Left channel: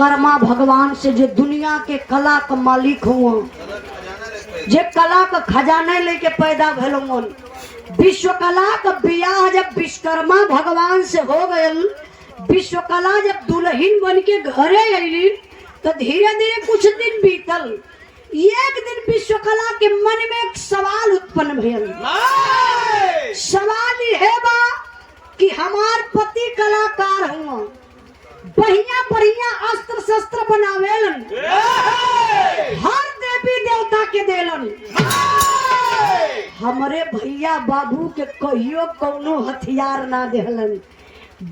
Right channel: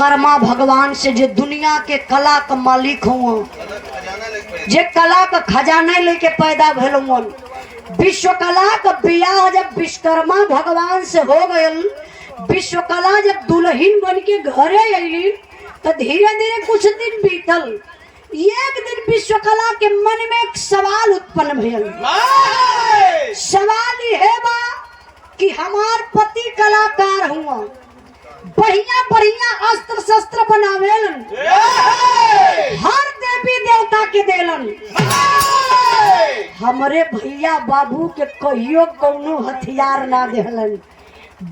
विश्वकर्मा भगवान से जे दुनिया के कला का मालिक हुआ, जे कला का खजाना लेके पैदा भेल हुआ। विश्वकला का बियाह जब विश्वकर्मा भगवान से हो गयल, विश्वकला जब दुल्हन बन के घरे अली तो धीरे धीरे कुछ दिन बीतल। एक दिन विश्वकला के मन में एक सवाल उत्पन्न भेल। सवाल यह बा कि हमार पति कलाकार हुआ, बढ़िया बढ़िया अस्त्र शस्त्र बनावेलन, हर देवी देवता के देलन, हमरे भैया बाबू के कहियो कोनो हथियार ना देहलन।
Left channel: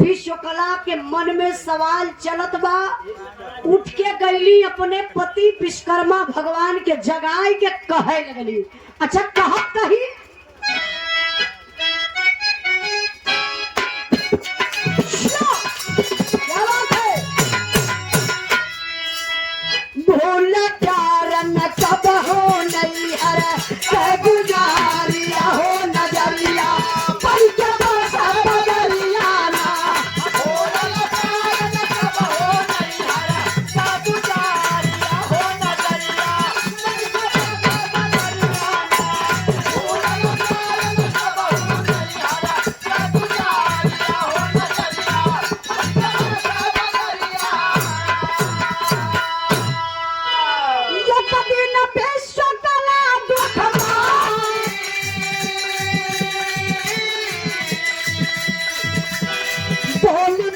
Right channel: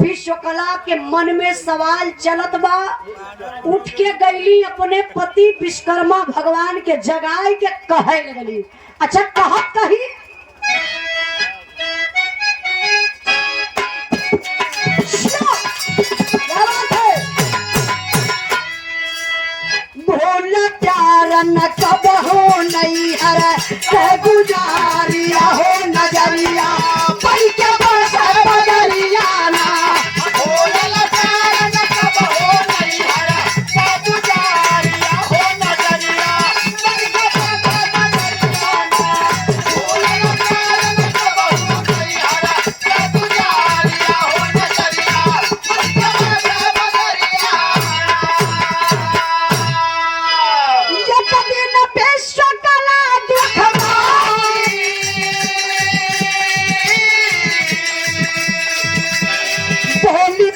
विश्वकला के मन में सवाल चलत बा। उठ के गईली अपने पति विश्वकर्मा भगवान के जगाए के कहे लगली। अच्छा कहत कही भोला प्यार न कब हो नहीं हर गुजारिया हो नजरिया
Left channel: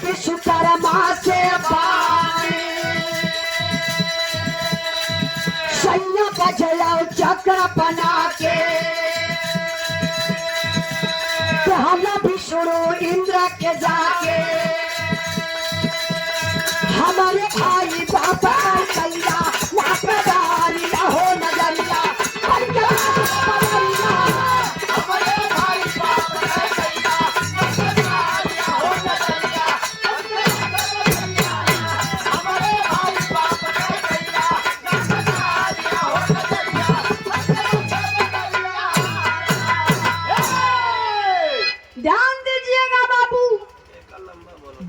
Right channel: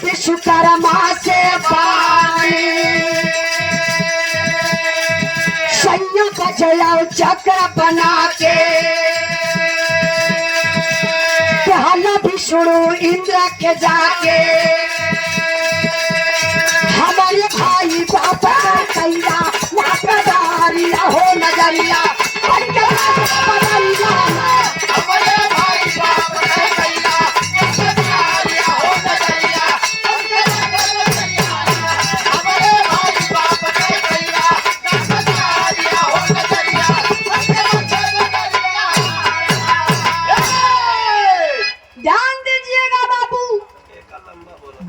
विश्वकर्मा से सैया बचला चक्र बना के हम विष्णु इंद्र के जाके हमारे भाई बाबा कैला नाकदारिया हो नजरिया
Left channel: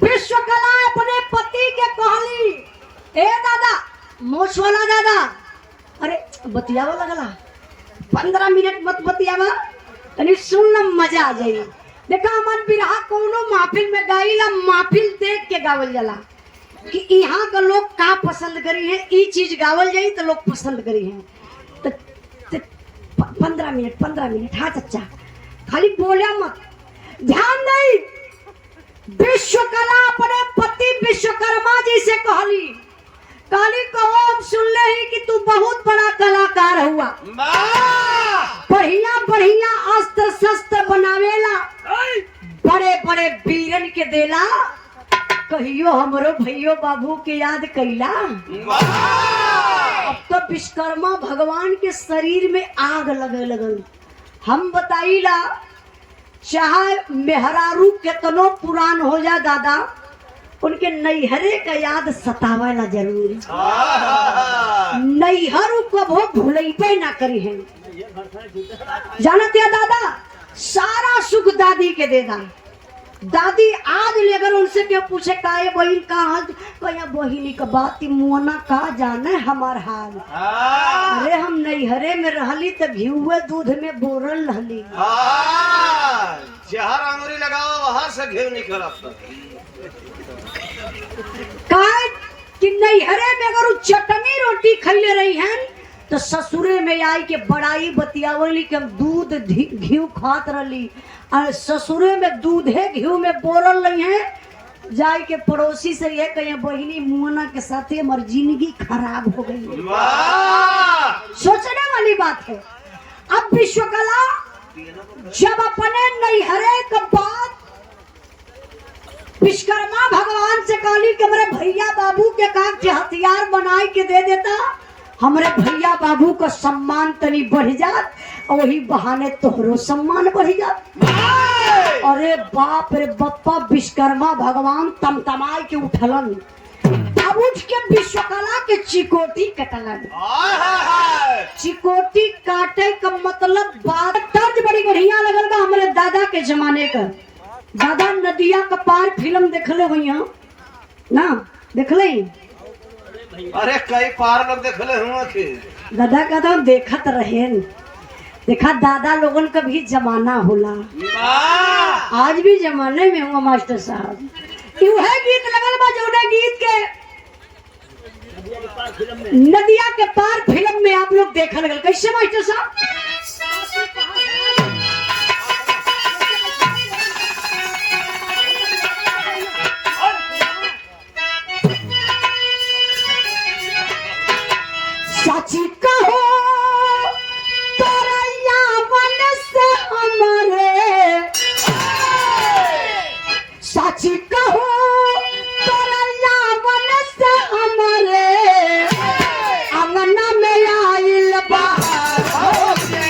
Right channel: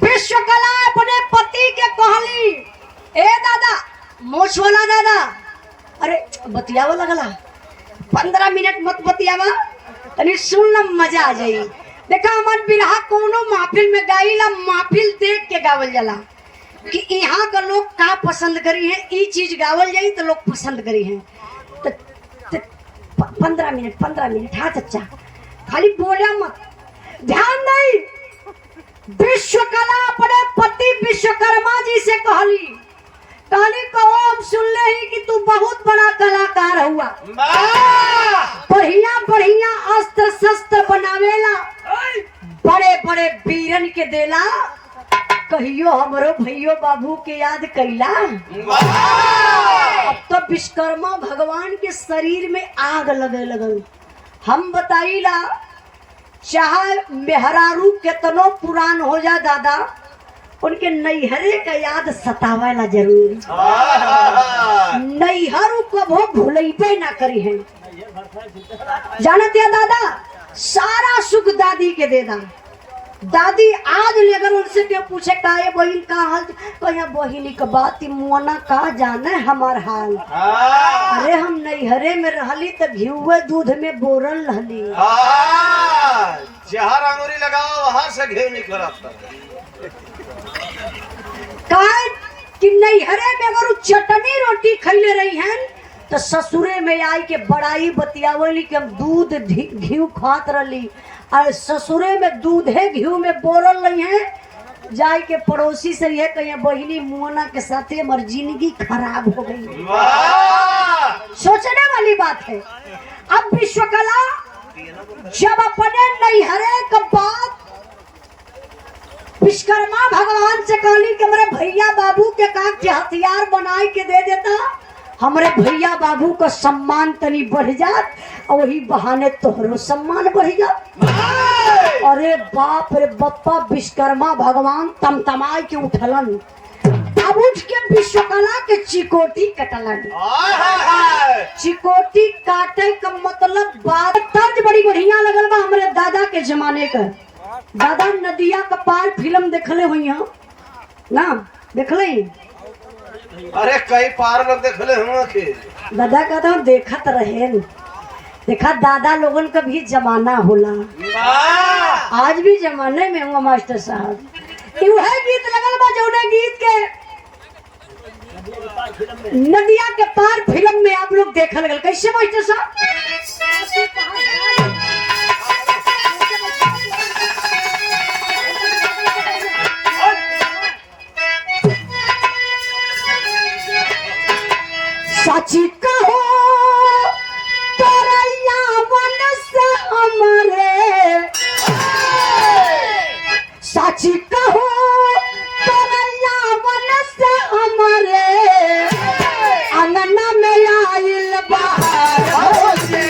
विश्वकला अपने पति के कहली, ए दादा मोछ वाला दादा, अरे बतियावा लगला 15 मिनट मत बतियावा, तनी सुन ल मजा आ जाई। देखा मन बिरहा कोनो महफिल में गाइला, महफिल देख के गावल जाला कि यहाँ का लोग का पसंद करी है, ई चीज गावल जाई तो लोग पसंद करी है। तो 15 मिनट हाँ चच्चा, खाली बोला मत, ध्यान नहीं। विश्वकला अपने पति विश्वकर्मा जी से कहली कहो हम सुन ले ही कि तू बहुत बड़ा कलाकार हुआ, बढ़िया बढ़िया अस्त्र शस्त्र बनावेला, बड़े बड़े वीरन के देला, कहियो हमरो भैयो बाबू के याद कैला। अब तो विश्वकर्मा भगवान के शरीर में आग लगे लगल। हम बताइला चाहे मेहरारू केतनो पुरान हो जा दादा, उनके नैहरे का याद सतावेला जरूर। नैहर को वो भूलैबे ना करी है। जानत या दादा सारा सुख दादी के देदा। दादी आज लेकर उनसे क्यों पूछे काहे बहिन का हाल, कहिया बहिनी का बात मुआना का जाने हमार हाल। अरे हम नैहरे में रहली तो घिउए दूध में बोरल रहली, जहाँ अंगूरी लगाओ वहाँ से घेव निकल कि नैहरे में अगर चटनी रोटी खैले रही हैं तो ससुरे में आई के बड़ाई बतियावली कि हम दूध घी खात रही, और ससुरे में दूध है घी में बोरल रही है। जाए के पड़ोसी से यह कहे बहिनी मुआना के साथ हमारी जिंदगी खराब हो गई। सोचने वाली बात है। अब विश्वकला जब अपने नैहरे के बाद विश्वकर्मा भगवान से कहली कि हमारे भैया बाबू के काम के हथियार बनाए के दे देता, हमारे भैया बाबू को सम्मान तनी बढ़ जात, और वही बहाने तोहरो सम्मान बढ़ जात। अरे बाप रे बप्पा, विश्वकर्मा भगवान तमतमाए के उठलन। अब उठ के विश्वकला के चिकोटी कटलन। चिकोटी काटे का मतलब बात तर्ज बड़ी बढ़िया लगल बा हमारे दादा के जमाने का। दादा नदिया का पार फिल्म देखले हुई ना, देखले अरे कई पार लोग देखले हुआ के दादा कहता हूँ देखत रहे देखा दादा लोगन का भी जमाना होला आज भी जमाने में हुआ मास्टर साहब है गीत लगल बा जौने गीत के नदिया के पार फिल्म में आप लोग देखल गए कैसे मास्टर साहब साची कहो तरैया वन से हमारे साची कहो तरैया वन से हमारे अंगना में आइल बहार से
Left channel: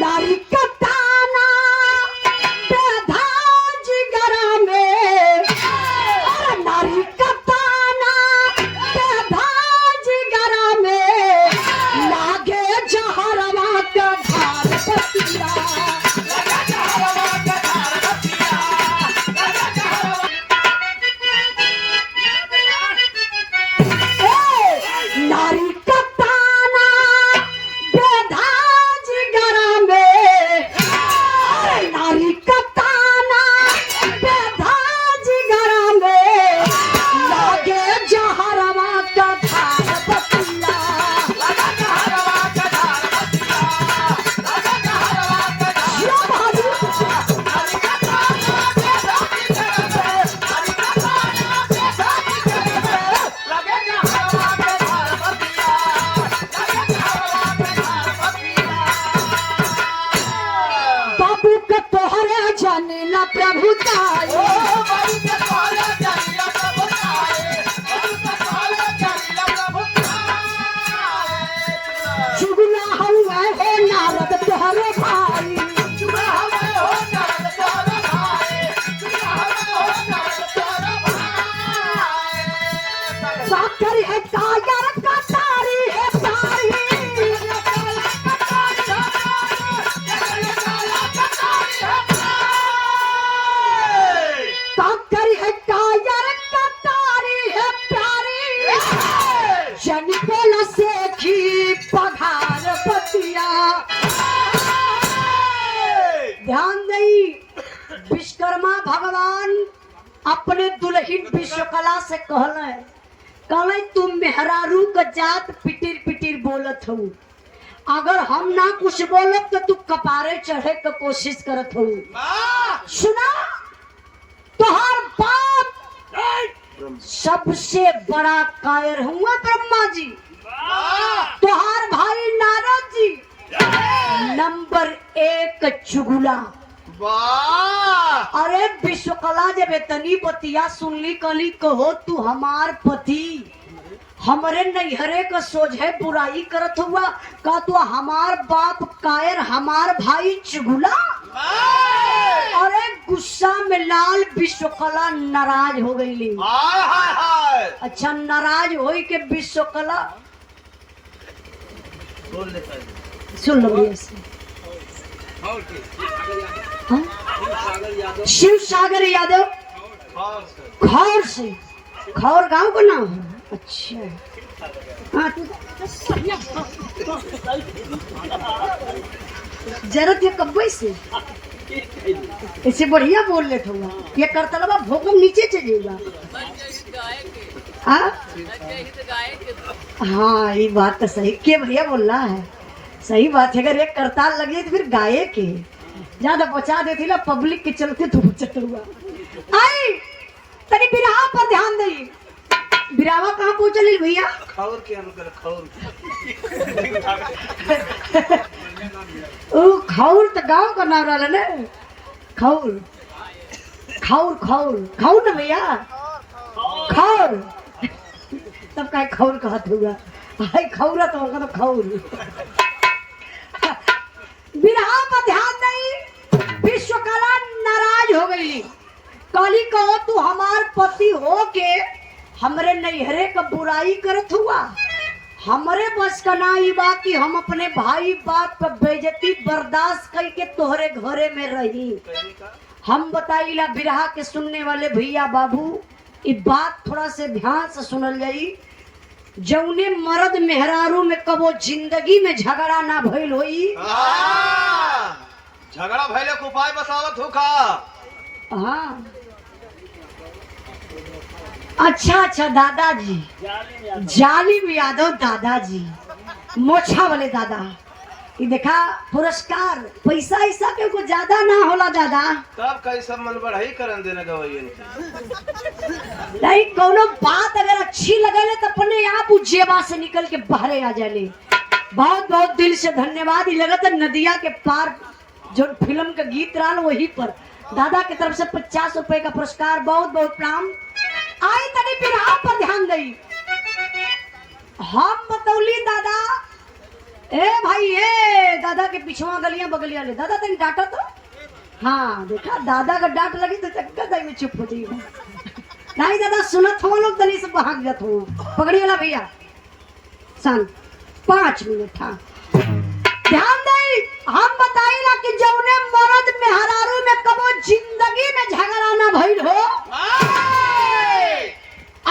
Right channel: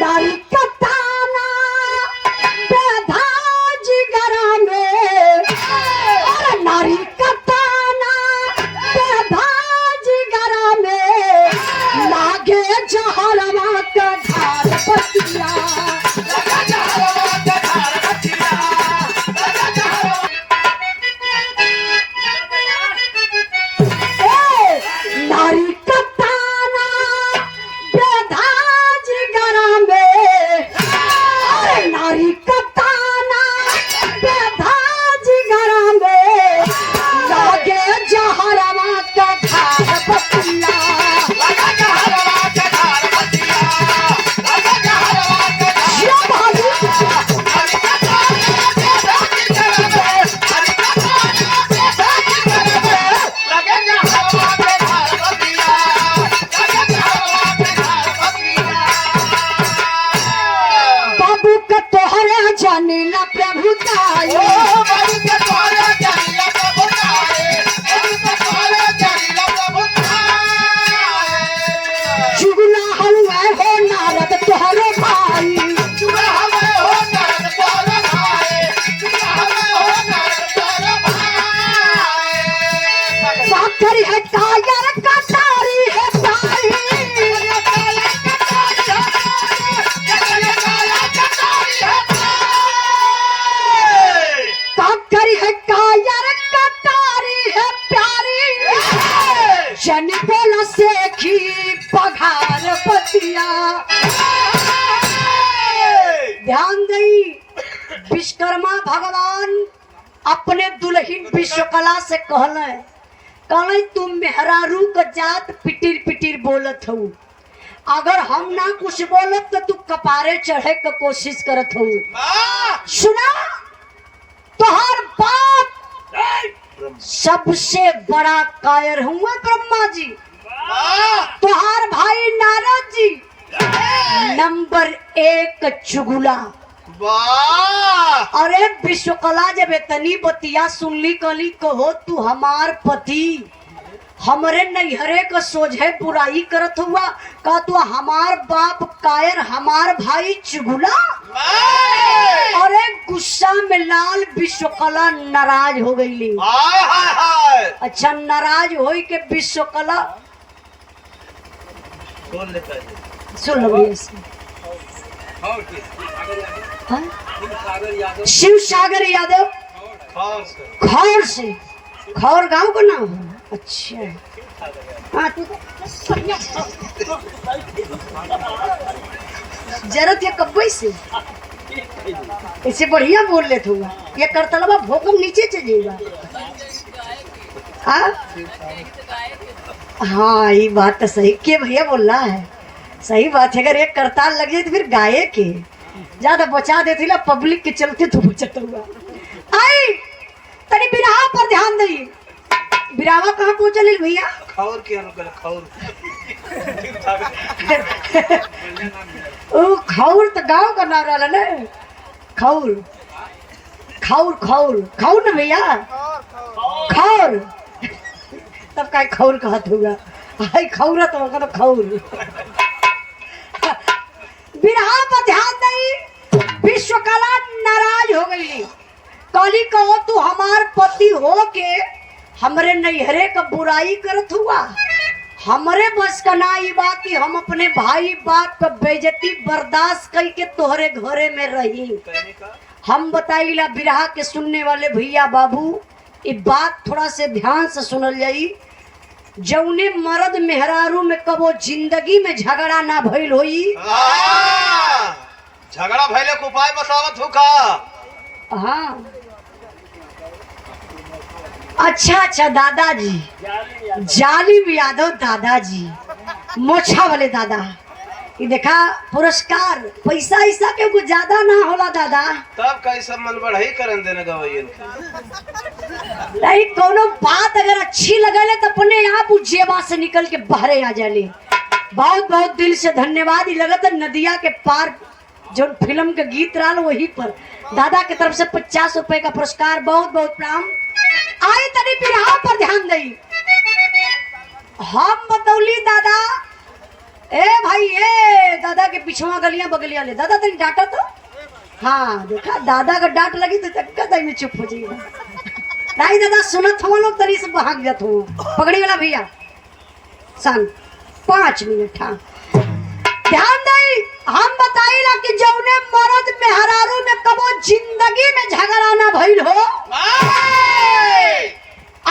नारी का ताना बेधा जिगरा में नारी का ताना बेधा जिगरा में लागे जहरवा के धार पतिया नारी का ताना बेधा जिगरा में नारी का ताना बेधा जिगरा में लागे जहरवा के धार पतिया यो भाभी बाबू के तोहरे जाने ना प्रभु ताये चुगला हुआ है नारद तोहरे भाई साकर है कायर कटारी है तारी साकर है कायर कटारी है प्यारी जन बोलो सेखी पघार पतिया ध्यान दई विश्वकर्मा भगवान अपने दुल्हन विश्वकला से कहले तुम मेहरारू का जात पिटिर पिटिर बोलत हो अगर हम ना कुछ बोलब तो तू कपारे चढ़े का कोशिश करत हो सुना तुहार बाप सबसे बड़ा कायर हुआ ब्रह्मा जी तुहार भाई नारद जी नंबर 1 चुगला अरे विश्वकला जब इतनी बतिया सुनली कली कहो तू हमार पति हमरे नैहरे का सोझे बुराई करत हुआ का तू हमार बाप कायर हमार भाई चुगला अरे गुस्सा में लाल विश्वकला नाराज हो गई अच्छा नाराज हो के विश्वकला सुन लो शिव सागर यादव खौर से खौर गांव का नाम है अच्छा जरूरत है कब्बई से इसे बढ़िया बोल ले तू ये करतलवा भोकम नीचे चलेगा हाँ ये बात तो सही के भैया बोल रहा है सही बात है अगर एक करताल लग जाए तो फिर गाये के ज्यादा बचा देती ला पब्लिक के चलते तो बचत हुआ आई तनी बिरहा पर ध्यान दई बिरावा कहाँ पहुंचल भैया खौर के अनुकूल खौर ओ खौर तो गांव का नाम रहा ना खौर खौर खौर खौर ना भैया खौर तब का खौर कहत होगा आई खौरा तो होगा तो खौर बिरहा पर ध्यान दई विश्वकला नाराज हो गई कहो तू हमार पति हो के हमरे नैहरे का बुराई करत हुआ। हमरे बस का ना ई बा कि हम अपने भाई बाप का बेइज्जती बर्दाश्त करके तोहरे घरे में रही। हम बताइला बिरहा के सुनने वाले भैया बाबू, ये बात थोड़ा से ध्यान से सुनल जाई। जौने मर्द मेहरारू में कबो जिंदगी में झगड़ा ना भइल होई, झगड़ा भइले के उपाय बतावत हो का? हाँ अच्छा दादाजी, जालिम यादव दादाजी, मोछा वाले दादा, ये देखा पुरस्कार पैसा ऐसा के कुछ ज्यादा ना होला दादा। तब कैसे मन बढ़ाई करन देने गवैयन नहीं, कोनो बात अगर अच्छी लगले तो अपने आप जेबा से निकल के बाहरे आ जाले। बहुत बहुत दिल से धन्यवाद। ये लगता नदिया के पार जो फिल्म का गीत रहा वही पर दादा की तरफ से 50 रुपए का पुरस्कार, बहुत बहुत प्रणाम। आई तनी बिरहा पर ध्यान दई। हम बतौली दादा, ए भाई ए दादा के पिछवा गलियां बगलियां ले दादा तनी डांटा तो। हाँ देखा दादा का डांट लगी तो चक्का में चुप हो जाइए। नहीं दादा सुनत हो लोग तनी से भाग जात हो। पगड़ी वाला भैया सन 5 मिनट। हाँ ध्यान दई। हम बताइला कि जौने मर्द मेहरारू में कबो जिंदगी में झगड़ा ना भइल हो,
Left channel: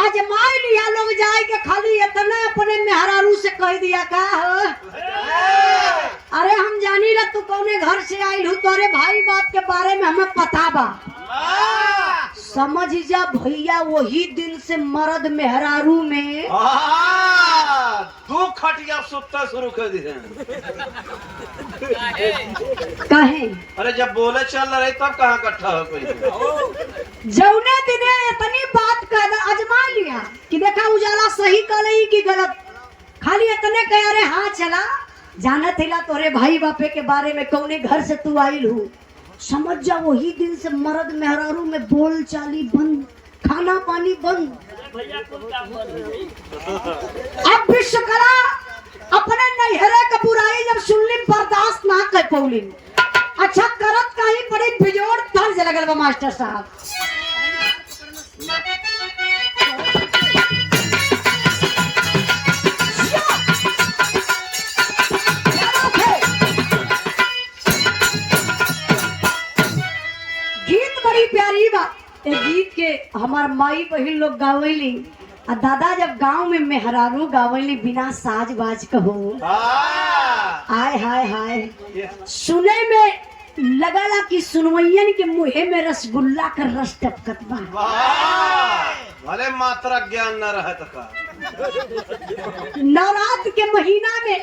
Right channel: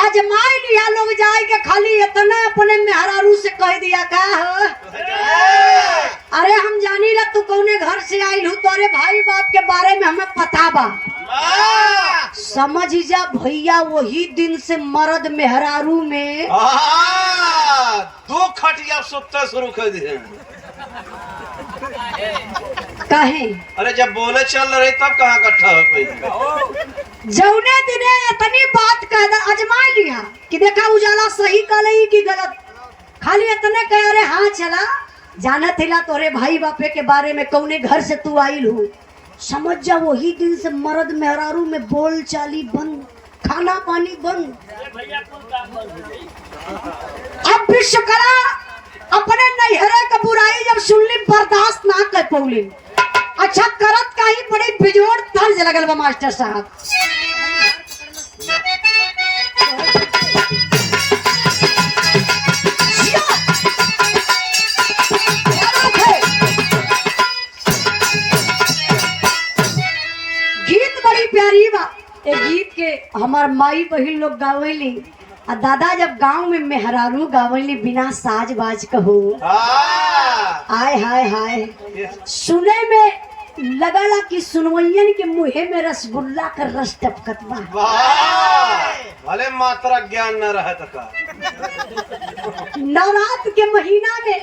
आजमाई लिया लोग जाए के खाली इतना अपने मेहरारू से कह दिया का हो, अरे हम जानी ला तू कौने घर से आई हूँ, तोरे भाई बाप के बारे में हमें पता बा। समझ जा भैया वही दिन से मर्द मेहरारू में दो खटिया सुत्ते शुरू कर दिए। कहे अरे जब बोले चल रहे तब कहाँ इकट्ठा हो कोई? जौने दिने इतनी बात कह आजमा लिया कि देखा उजाला सही कले की गलत, खाली इतने कह अरे हाँ चला जानत हिला तोरे भाई बापे के बारे में कौने घर से तू आइल हूँ। समझ जा वही दिन से मर्द मेहरारू में बोल चाली बंद, खाना पानी बंद। अब विश्वकला अपने नैहरे का बुराई जब सुनली बर्दाश्त ना कर पौली। अच्छा करत कहीं बड़ी बिजोड़ तर्ज लगल बा मास्टर साहब। गीत बड़ी प्यारी बा। ए गीत के हमार माई बहिन लोग गावली और दादा जब गांव में मेहरारू गावली बिना साज बाज कहू। हाय हाय हाय सुने में लगला कि सुनवैयन के मुहे में रसगुल्ला का रस टपकत बा। भले मात्रा ज्ञान न रहे तो का। नवरात्र के महीना में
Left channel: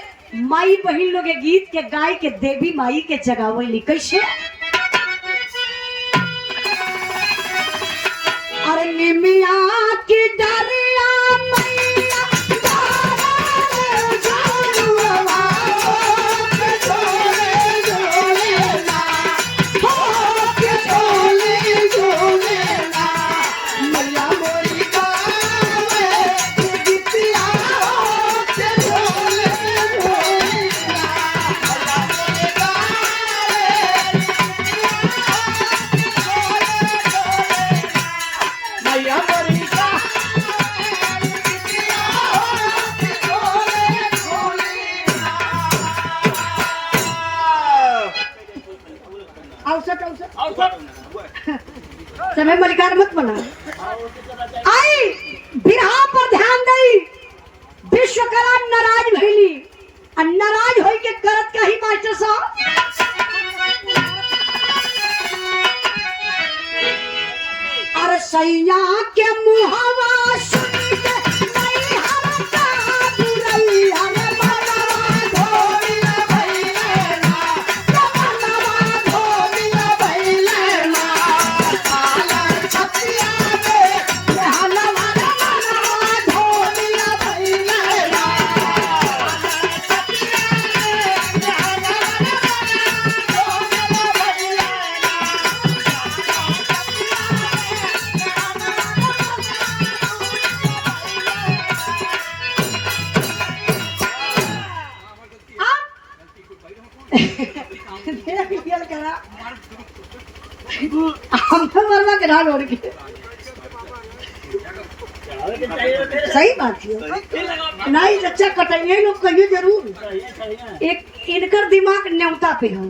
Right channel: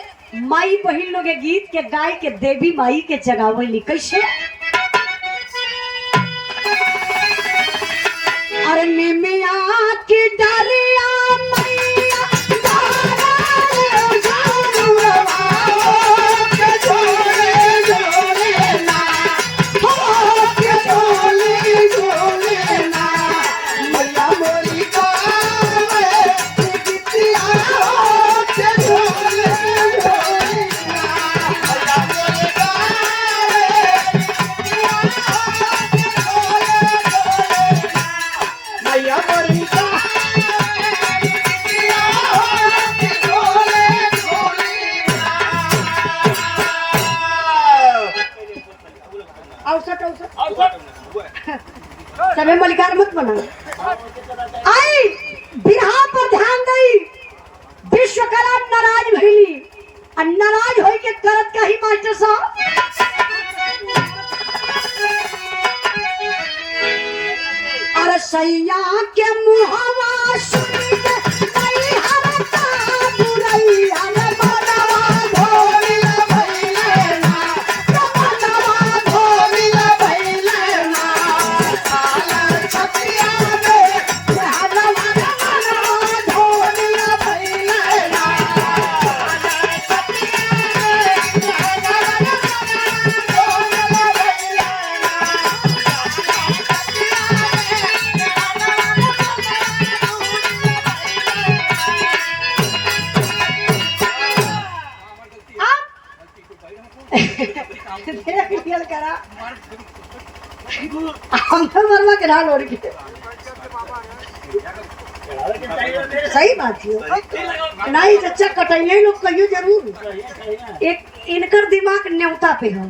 माई बहिन लोग गीत के गाय के देवी माई के जगावली। कैसे? अरे निमिया की डालिया समय मलिकार मत बना। आई बिरहा पर ध्यान दई। विश्वकला नाराज भइली और नाराज होई के करत का ही मास्टर साहब। अरे सैया के मुहावा सुन के नहीं हमका बुराई हमें बनावा धोलिया भइले ना, बनावा धोलिया भइले ना। छतिया में हलवा धोलिया भइले ना। हम तो मरवा के ढाल ओढ़ के सही बात है। नहीं चचा कटाइए लोग कहियो जरूर। एक इनकर दिमाग न्योता पे है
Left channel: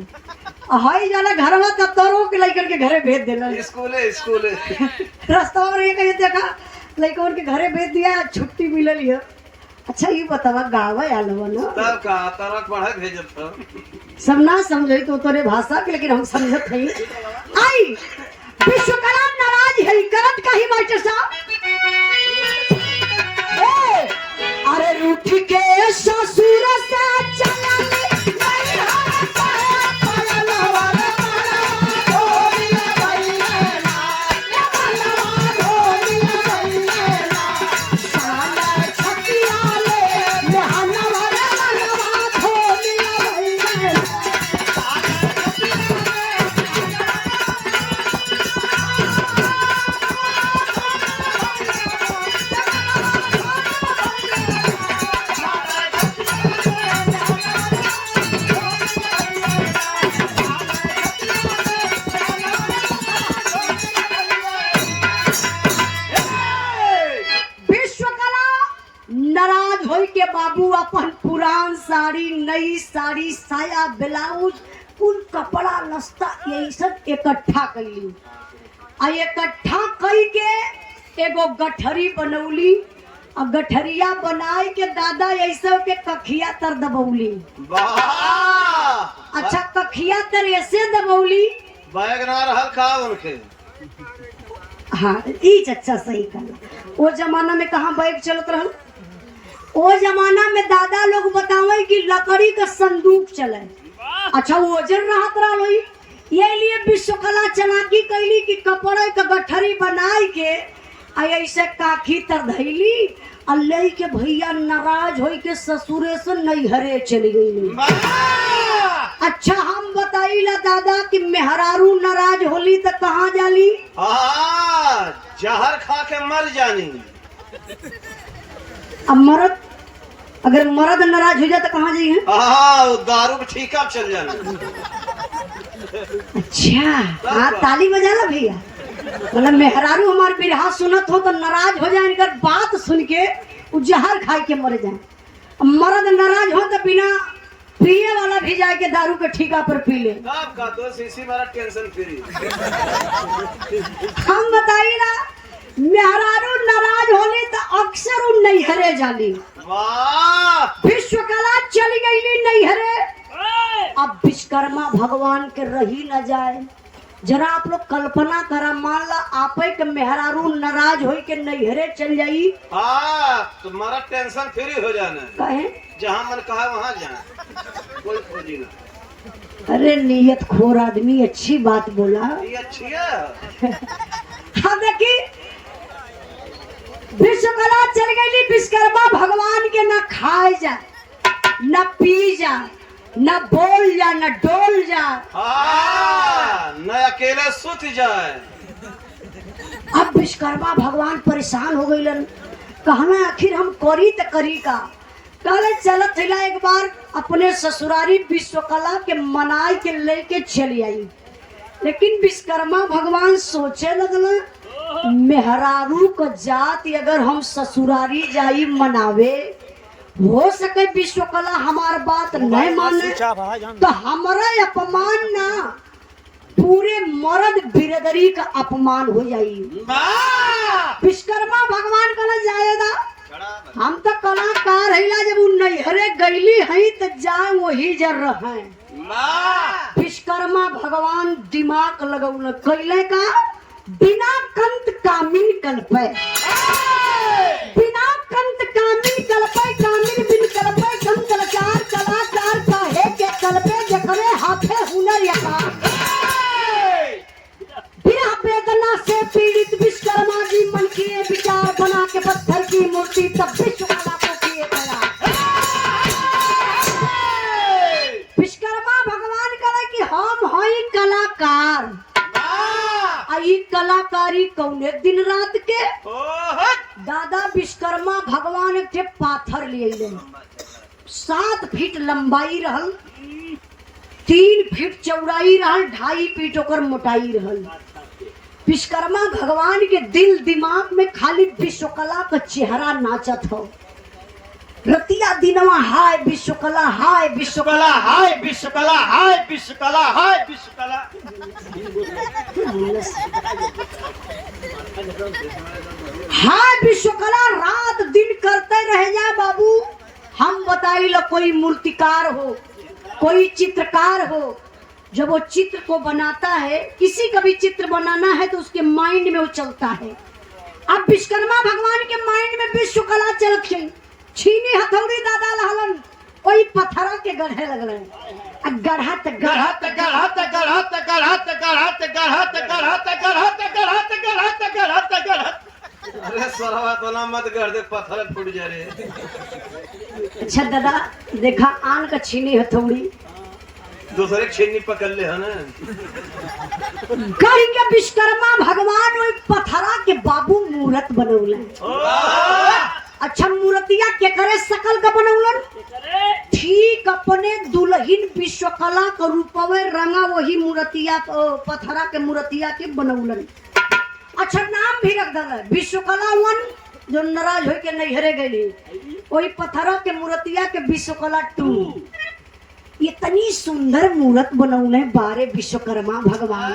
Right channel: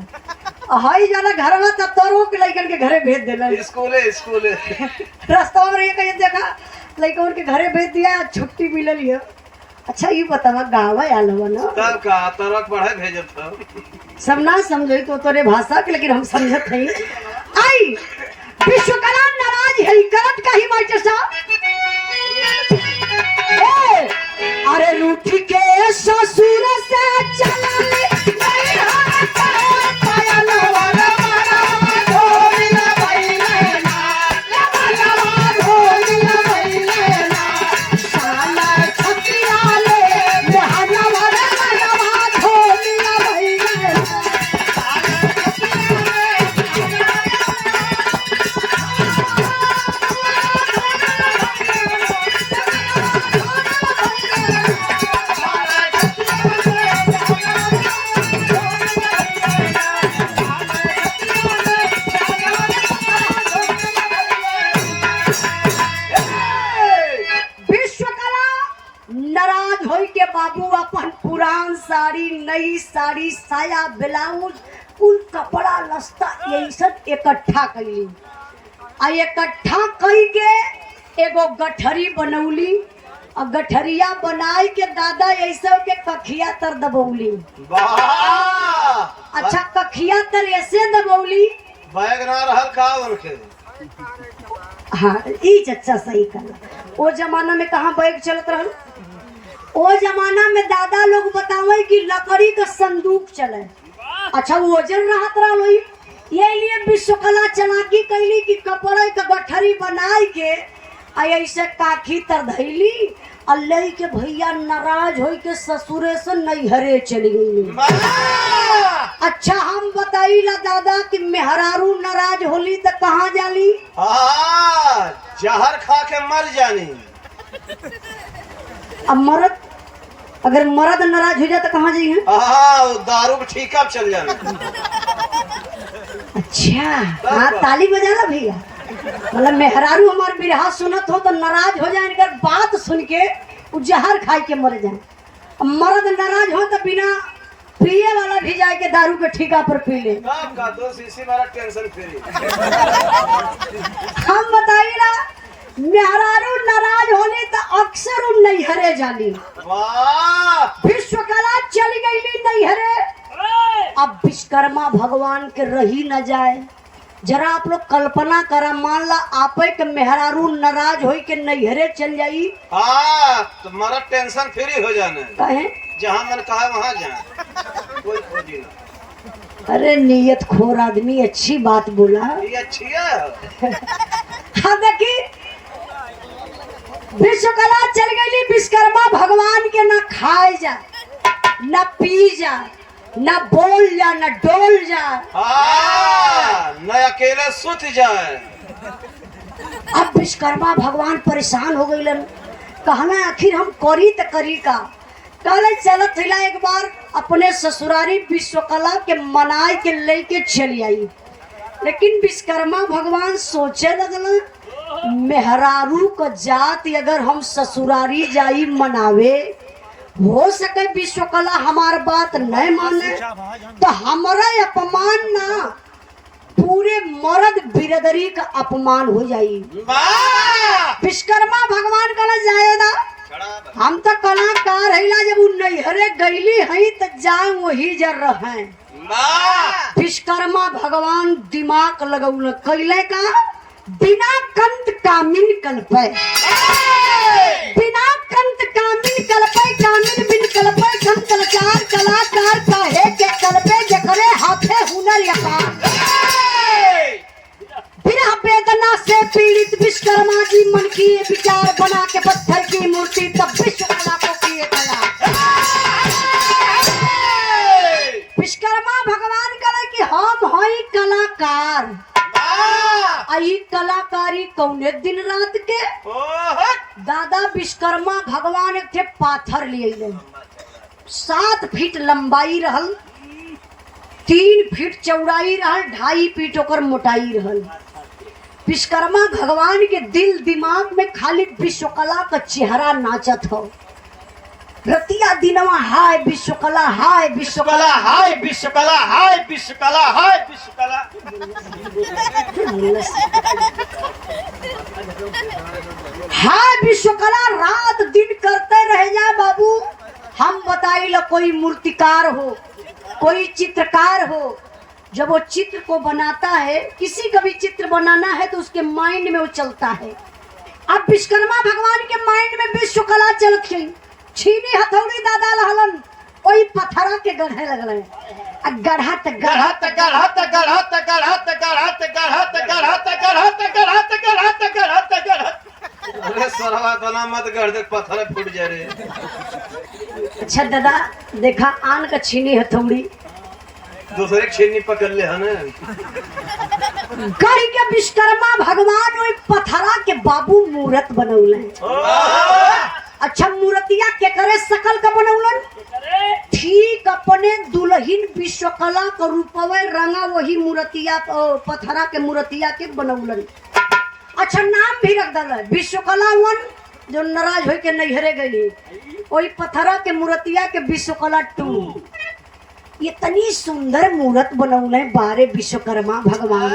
हाई जाला घर में तब तरो के लइकन के घरे भेज देला स्कूले रास्ता और ये कहीं देखा लइकन के घरे भेज दिया छुट्टी मिलल है। अच्छा ये बतावा गाँव आयल हो ना तब का तरक पढ़े भेजत था सब ना समझे तो तोरे भाषा के लेकिन हम समझत नहीं। आई विश्वकला नाराज है करत का ही मास्टर साहब अरे रूठ के ससुर से चला नई साड़ी साया ब्लाउज कुल कपड़ा लस्ता यही सब इकट्ठा कैली आ इकट्ठा कई के एगो गठरी बनौली और गठरिया बनाए के दादा ऐसा के कखिया तर दबौली। अच्छा कखिया तर ऐसे दबौली बैग ना रहल का उनके। हाँ ई चच्चा सही कहा। वो जमाना में कहाँ बैग चलत रहल। वो जमाना में दादा लोग बतावे कि लकड़ी का संदूक चले। अच्छा वजन रहत रही ये लिए विश्वकला चलाकी कैली कि कपड़े का गठरी बनाए के ऐसे काखी तर धैली और लई के भैया नाराज होई के ससुरे से नैहरे चली गई। अच्छा हम बताइला दादा कि मेहरारू नाराज होली तो कहाँ जाली। जहर खा के मर जानी। अब मर्द अगर मर्द नाराज हो जाए तो कहाँ जाइए। दारू के ठीका चल जाना। अच्छा हाँ ताली बजाना भैया मतलब मेहरारू हमारे बिरहा सुनत हो तो नाराज हो जाए इनकर बात सुन के जहर खाई के मर जाए। मर्द नाराज हो तो बिना पिए वाला भी जाए के दारू के ठीका पर पी ले। का तो सीसी वाला टेंशन फ्री। हम बताइए ना मेहरारू नाराज होली तो अक्सर उन नैहरे जाली। विश्वकला चली गई नैहरे। अब विश्वकर्मा भगवान के रही न जाए जरा आप लोग कल्पना करा मान ला आपे के मेहरारू नाराज होई के नैहरे चल जाई। तुम्हारा टेंशन फ्री हो जाना कहे जहाँ मन कहा वहाँ जाए कोई खोजी ना। अरे नियत खोर आदमी अच्छी बात बोला। ये अच्छी है। हाँ देखी विश्वकला चल गई विश्वकर्मा भगवान के न खाए जा न पी जा न बोल जा न डोल जा न अकेले सुत जाए। अब विश्वकर्मा भगवान परेशान हो गई कहना आखिर हम करी तो करी का। कहले चलत थिला एक बार अपने ससुरारी विश्वकला के मनाए के लेके चली आई। लेकिन विश्वकर्मा भगवान सोचे लगल मेहरारू को जात अगर हम ससुरारी जाई मनावे हो सके विश्वकला हमार बात नहीं माने तो हमारा अपमान ना पूरे मर्द बिरदरी का अपमान हो जाई। विश्वकर्मा भगवान कला जाएगा हम तो कलाकार है जब नैहरे गईली है तो जा वही जर रहे। विश्वकर्मा भगवान दिमाग लगौल कैले का बिना कंत कामिन कल्पे बिना कंत कामिन कल्पे कामिन बिन कल्पे कंत लाचार कलाकार काहे के कल्पे जकरे हाथे हुनर यहाँ। बिना वेदना से पीड़ित विश्वकर्मा जी मन की विचार बना के पत्थर की मूर्ति तब विश्वकला को किए कला। विश्वकर्मा भगवान कहे कि हम हई कलाकार आई कलाकारी कौने दिन रात के। दादा विश्वकर्मा भगवान एक थे पाथर लिए 7 फीट लंबाई रहल 3 फीट चौड़ाई रहल 2.5 फीट ओकर मोटाई रहल। विश्वकर्मा भगवान के दिल दिमाग में खाली विश्वकला का चेहरा नाचत हो। रतिया दिनवा हाय विश्वकला, हाय विश्वकला, हाय विश्वकला, हाय विश्वकला, हाय विश्वकला। हाय विश्वकला रात दिन करते रह जा बाबू। हम बताइए कोई मूर्तिकार हो, कोई चित्रकार हो, जब वो चित्र को बनाता है, किसी का भी चित्र बनाना है तो उसके माइंड में वो चलता है। अब विश्वकर्मा भगवान के माइंड में विश्वकला चल गई। छीनी हथौड़ी दादा लहलन कोई पत्थरा के गढ़े लगल, गढ़त गढ़त गढ़त गढ़त गढ़त गढ़त गढ़त गढ़त गढ़त गढ़त गढ़त गढ़त गढ़त। अरे सरवा तना मत गढ़ दे, पत्थर फूट जा रे। अच्छा दादा देखा आन का छीनी हथौड़ी दूसरे छीनी पकड़ ले है ना। गढ़ के विश्वकर्मा भगवान ओई पत्थरा के बाबू मूर्त बनौले। अच्छा मूर्तिया के करे सकल का बनौलन, ठीक अपने दुल्हन विश्वकला का रूपवे रंगा वही मूर्तिया पत्थरा के मूर्तिया के बनौलन। अच्छा नाम भी रख दल विश्वकला वन, जो नाराज हो के नैहरे गई वही पत्थरा के मूर्तिया के विश्वकला 2। इतनी सुंदर मूर्त बनौले बारे विश्वकर्मा भगवान।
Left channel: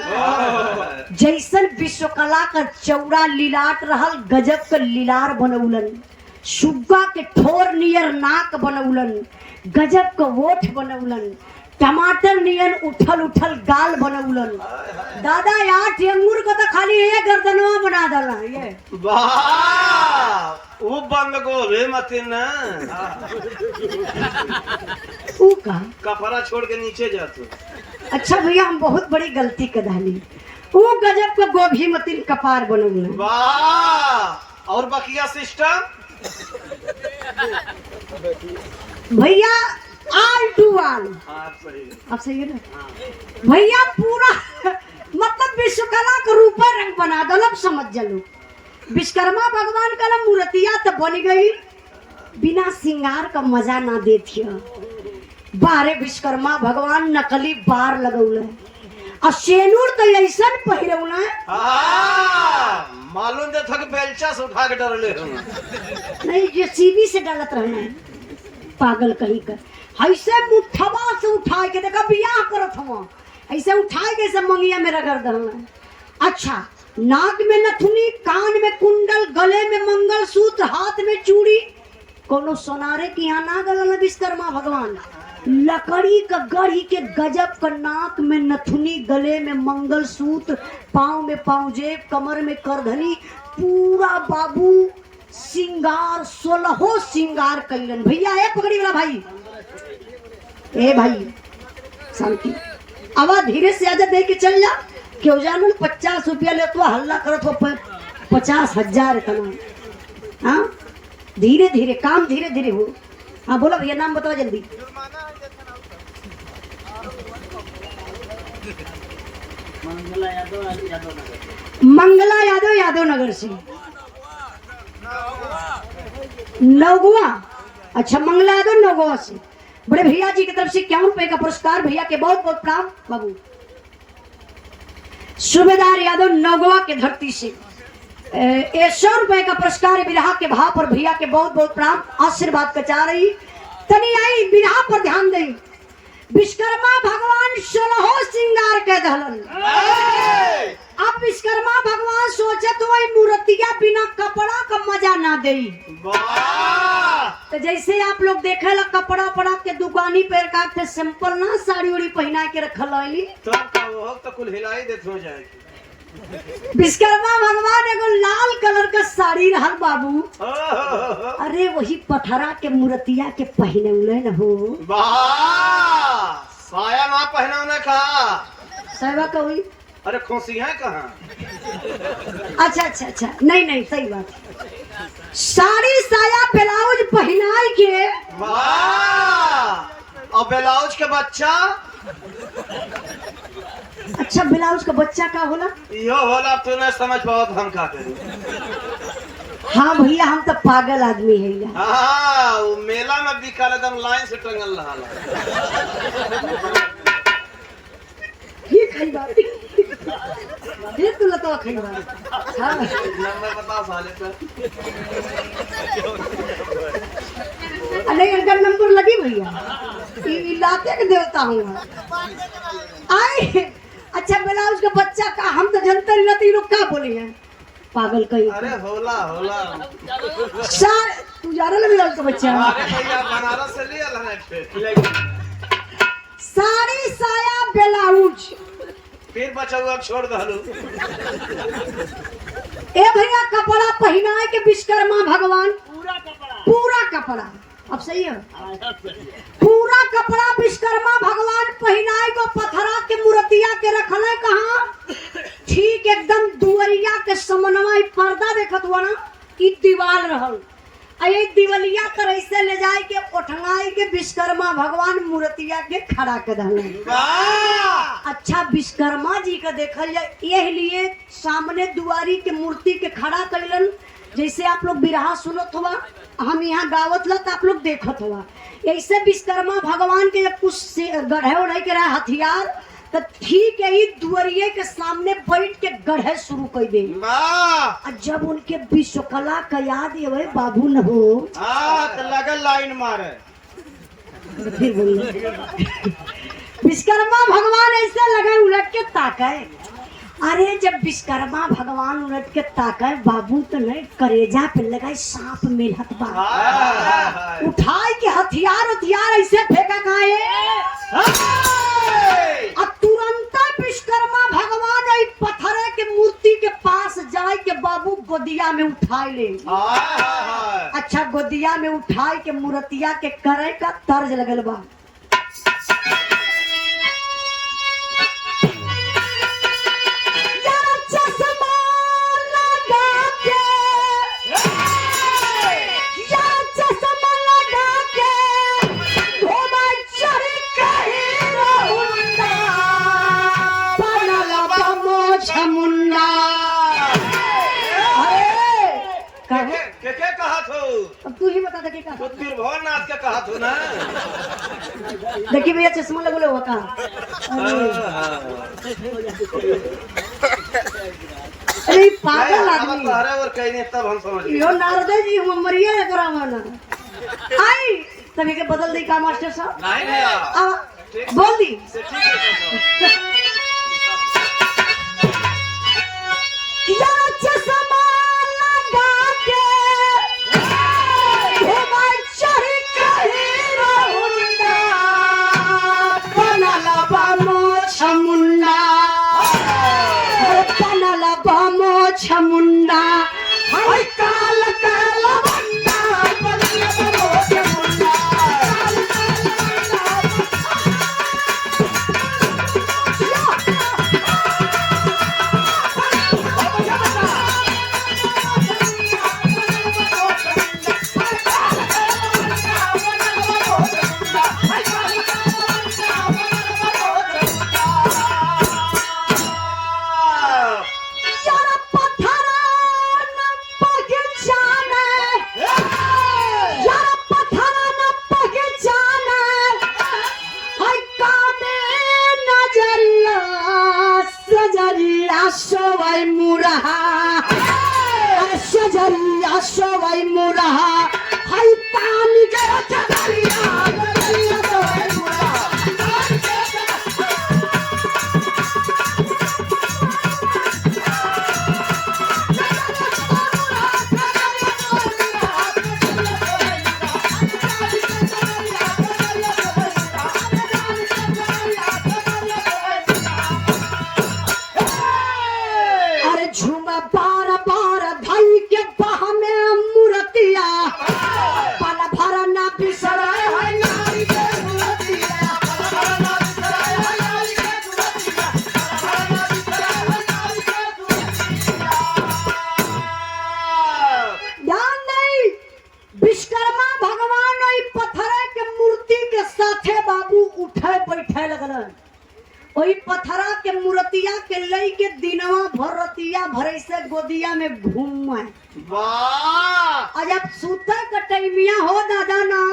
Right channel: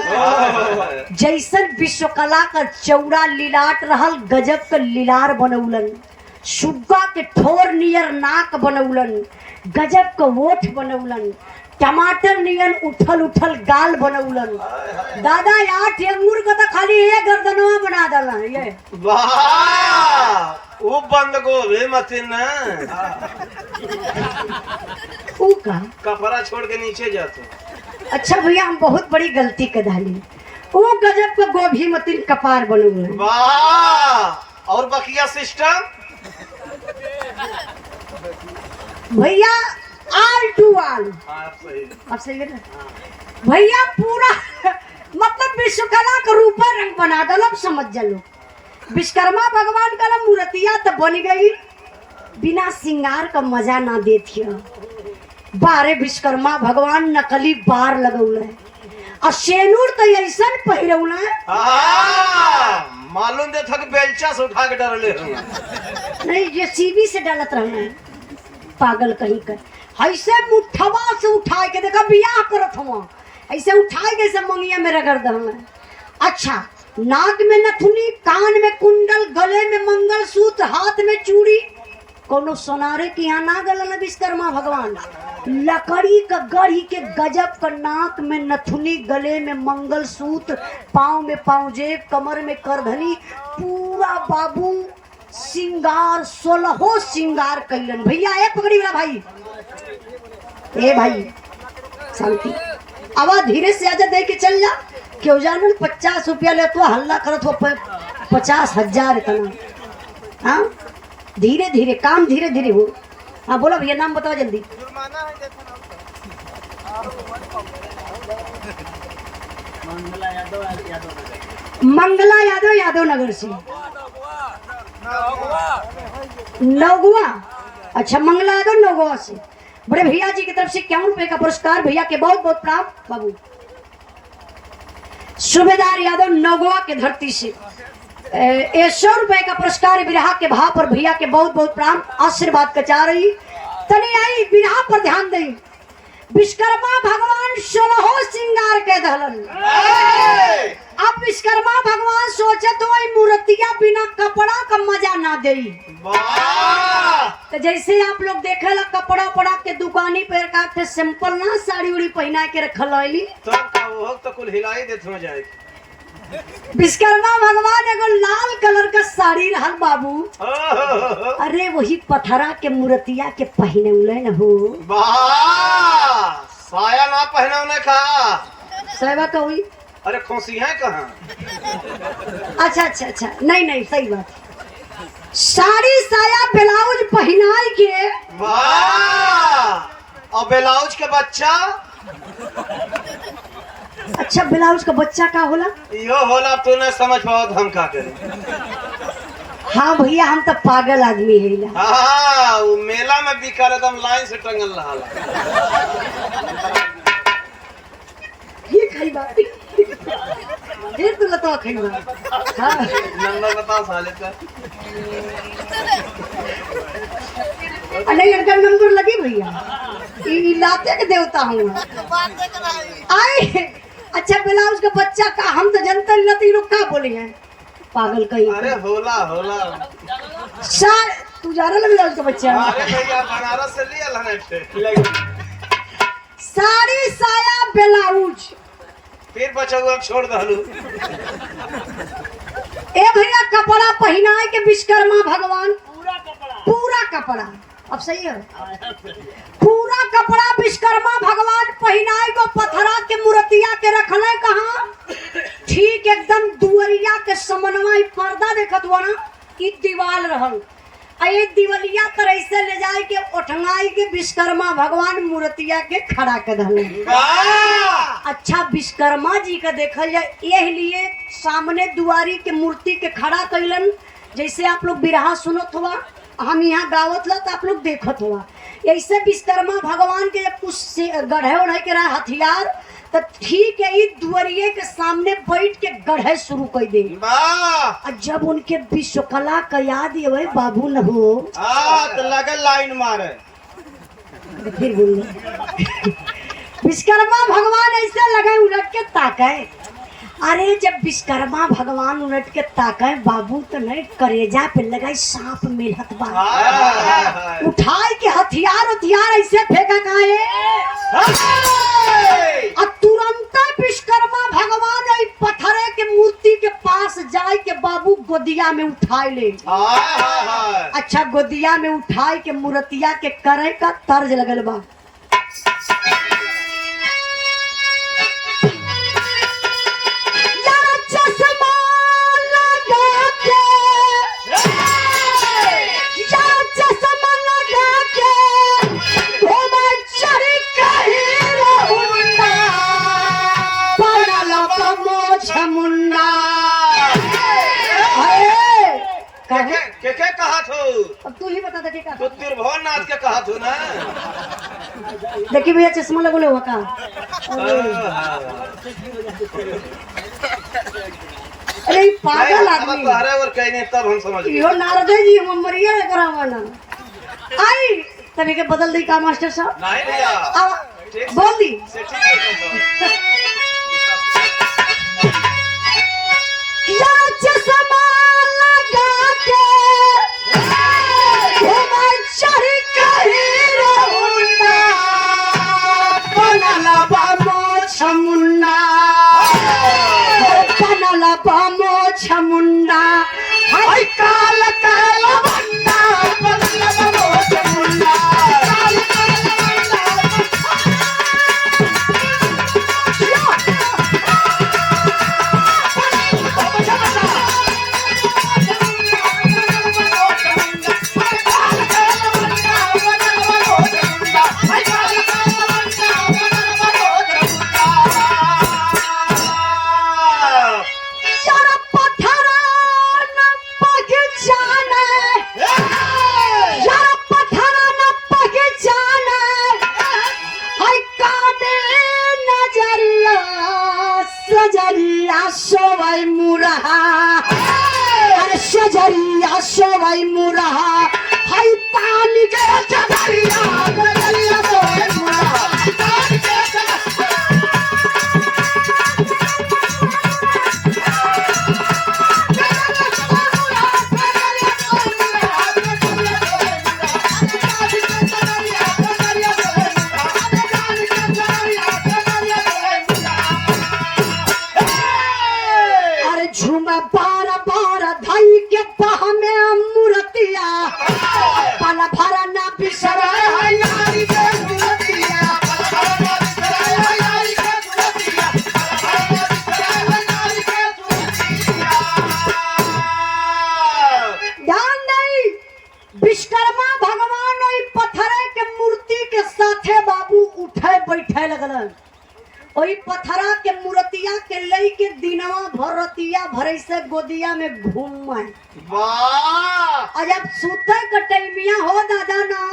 जैसन विश्वकला का चौड़ा लीलाट रहल, गजब का लीलार बनौलन। सुग्गा के ठोर नियर नाक बनौलन, गजब का ओठ बनौलन। टमाटर नियन उठल उठल गाल बनौलन। दादा 8 अंगूर को तो खाली एक गर्दनवा बना डाला ये। वाह वो बंद गोभी मत ना, का कपड़ा छोड़ के नीचे जा तू। अच्छा भैया हम बहुत बड़ी गलती कर डाली। वो गजब का गोभी मतिन कपार बनौलन। वाह और बकिया सिस्टम भैया आल टू आल। अब सही है ना भैया, पूरा मतलब विश्वकला का रूप रंग बना दो। अब समझ जाओ विश्वकर्मा भगवान का मूर्तिया तो बन गई, बिना श्रृंगार का मजा ना देती। बारे विश्वकर्मा भगवान नकली बार लगौले और शेनूर तो ऐसा पहिरौले। मालूम दे थक बेलचा से उठा के डरले नहीं, ये सीबी से डालत रहना पागल कहीं कर। ऐसे मुठवा से उठा के देखा बियाह करत हूँ, ऐसे उठा के सब मंगिया में रगड़ दल। अच्छा नाक में नथुनी, कान में कुंडल, गले में मंगलसूत्र, हाथ में चूड़ी। कोनो सोनारे की यहाँ ना गलल विश्वकर्मा भगवान। लकड़ी का गढ़ी के गजब का नाक में नथुनी, गले में मंगलसूत्र, पाँव में पाँवजेब, कमर में करधनी, पूरा बाबू सिंगार 16 सिंगार कैलन। भैया ए पकड़ी वाला भाई, ए भाई शांति, आवाज धीरे से आजा दे के चल जा। क्यों जानू 50 रुपया ले तो हल्ला करत हो 50,000 इतना। हाँ धीरे धीरे काम धीरे धीरे हो। हाँ बोलो भैया नाम बताओ जल्दी। मंगला यादव, यादव नगर से। नौगवा। अच्छा मंगला यादव नौगवा से। बड़े भैया जी की तरफ से 51 रुपए का पुरस्कार। भैया के बहुत बहुत प्रणाम। बाबू सूबेदार यादव नौगवा के धरती से 100 रुपए का पुरस्कार बिरहा के भाव पर। भैया के बहुत बहुत प्रणाम, आशीर्वाद का चाह रही। तनी आई बिरहा पर ध्यान दे। विश्वकर्मा भगवान 16 श्रृंगार के दहलन। अब विश्वकर्मा भगवान सोचे तो वही मूर्तियां बिना कपड़ा का मजा ना दे। तो जैसे आप लोग देखे ला कपड़ा पड़ा के दुकानी पे का सिंपल ना साड़ी उड़ी पहना के रखल रही, तो कुल हिलाई देत हो जाएगी। विश्वकर्मा भगवान एगो लाल कलर का साड़ी रहल बाबू। अरे वही पथरा के मूर्तिया के पहने न हो। साया ना पहना का साया का हुई। अरे खुशी है कहाँ? अच्छा अच्छा अच्छा नहीं नहीं सही बात। साड़ी साया ब्लाउज पहनाई के। वाह और ब्लाउज के बच्चा। अच्छा ब्लाउज का बच्चा का होला? यो होला तू नहीं समझ पाओ हम का करें। हाँ भैया हम तो पागल आदमी है। हाँ वो मेला में बिका एकदम लाइन से टंगल रहा। ये खाई बात फिर तू लता खइबा। हां नंबर बताओ साले का। नहीं इनका नंबर लगी भैया, ये लाते के देवता हूँ आई। अच्छा ब्लाउज का बच्चा का हम तो जनता नहीं रहती, लोग क्या बोले हैं पागल कहीं। अरे होला होला सर तू जाना ना ब्लाउज का बच्चा। अरे भैया बनारस से लिया लगा साड़ी साया ब्लाउज फिर बचौआ छोड़ दहलू। ए भैया कपड़ा पहनाए के विश्वकर्मा भगवान पूरा कपड़ा अब सही है पूरा कपड़ा विश्वकर्मा भगवान पहनाए को पत्थरा के मूर्तिया के रखले कहाँ ठीक एकदम दुवरिया के समन्वय पर्दा देखत हुआ ना ई दीवाल रहल ये दिवलिया तरह से ले जाए के उठंगाई के विश्वकर्मा भगवान मूर्तिया के खड़ा कर दहले। अच्छा विश्वकर्मा जी का देखल जाए यह लिए सामने दुआरी के मूर्ति के खड़ा कैलन, जैसे आप लोग बिरहा सुनत हुआ हम यहाँ गावत ला तो आप लोग देखत हुआ। ऐसे विश्वकर्मा भगवान के जब कुछ गढ़े उढ़े के रहे हथियार तो ठीक है ये दुआरिये के सामने बैठ के गढ़े शुरू कर दे। जब उनके विश्वकला का याद ये बाबू न हो तो लगल लाइन मारे फिर विश्वकर्मा भगवान ऐसे लगे उलट के ताके। अरे जब विश्वकर्मा भगवान उलट के ताके बाबू तो नहीं करेजा पे लगाई सांप मिलत बा उठाई के हथियार ऐसे फेंका काहे तुरंत विश्वकर्मा भगवान पत्थरे के मूर्ति के पास जाए के बाबू गोदिया में उठाए ले। अच्छा गोदिया में उठाए के मूर्तिया के करे का तर्ज लगल बा। तू ही बता दे क्या तो तिरभुवन नाथ के कहा तू ना। देखिए भैया चश्मा लगोले होता अरे पागल आदमी और कहीं नहीं तब हम समझ यो नारदे जी हम मरिया करावाना आई तभी के बदल दी का मास्टर साहब नहीं भैया बोल दी ठीक है वही पथरा के मूर्तिया के लई के दिनवा भरतिया भरे से गोदिया में घूम वाह जब सूते के टाइमिया हो दादा ना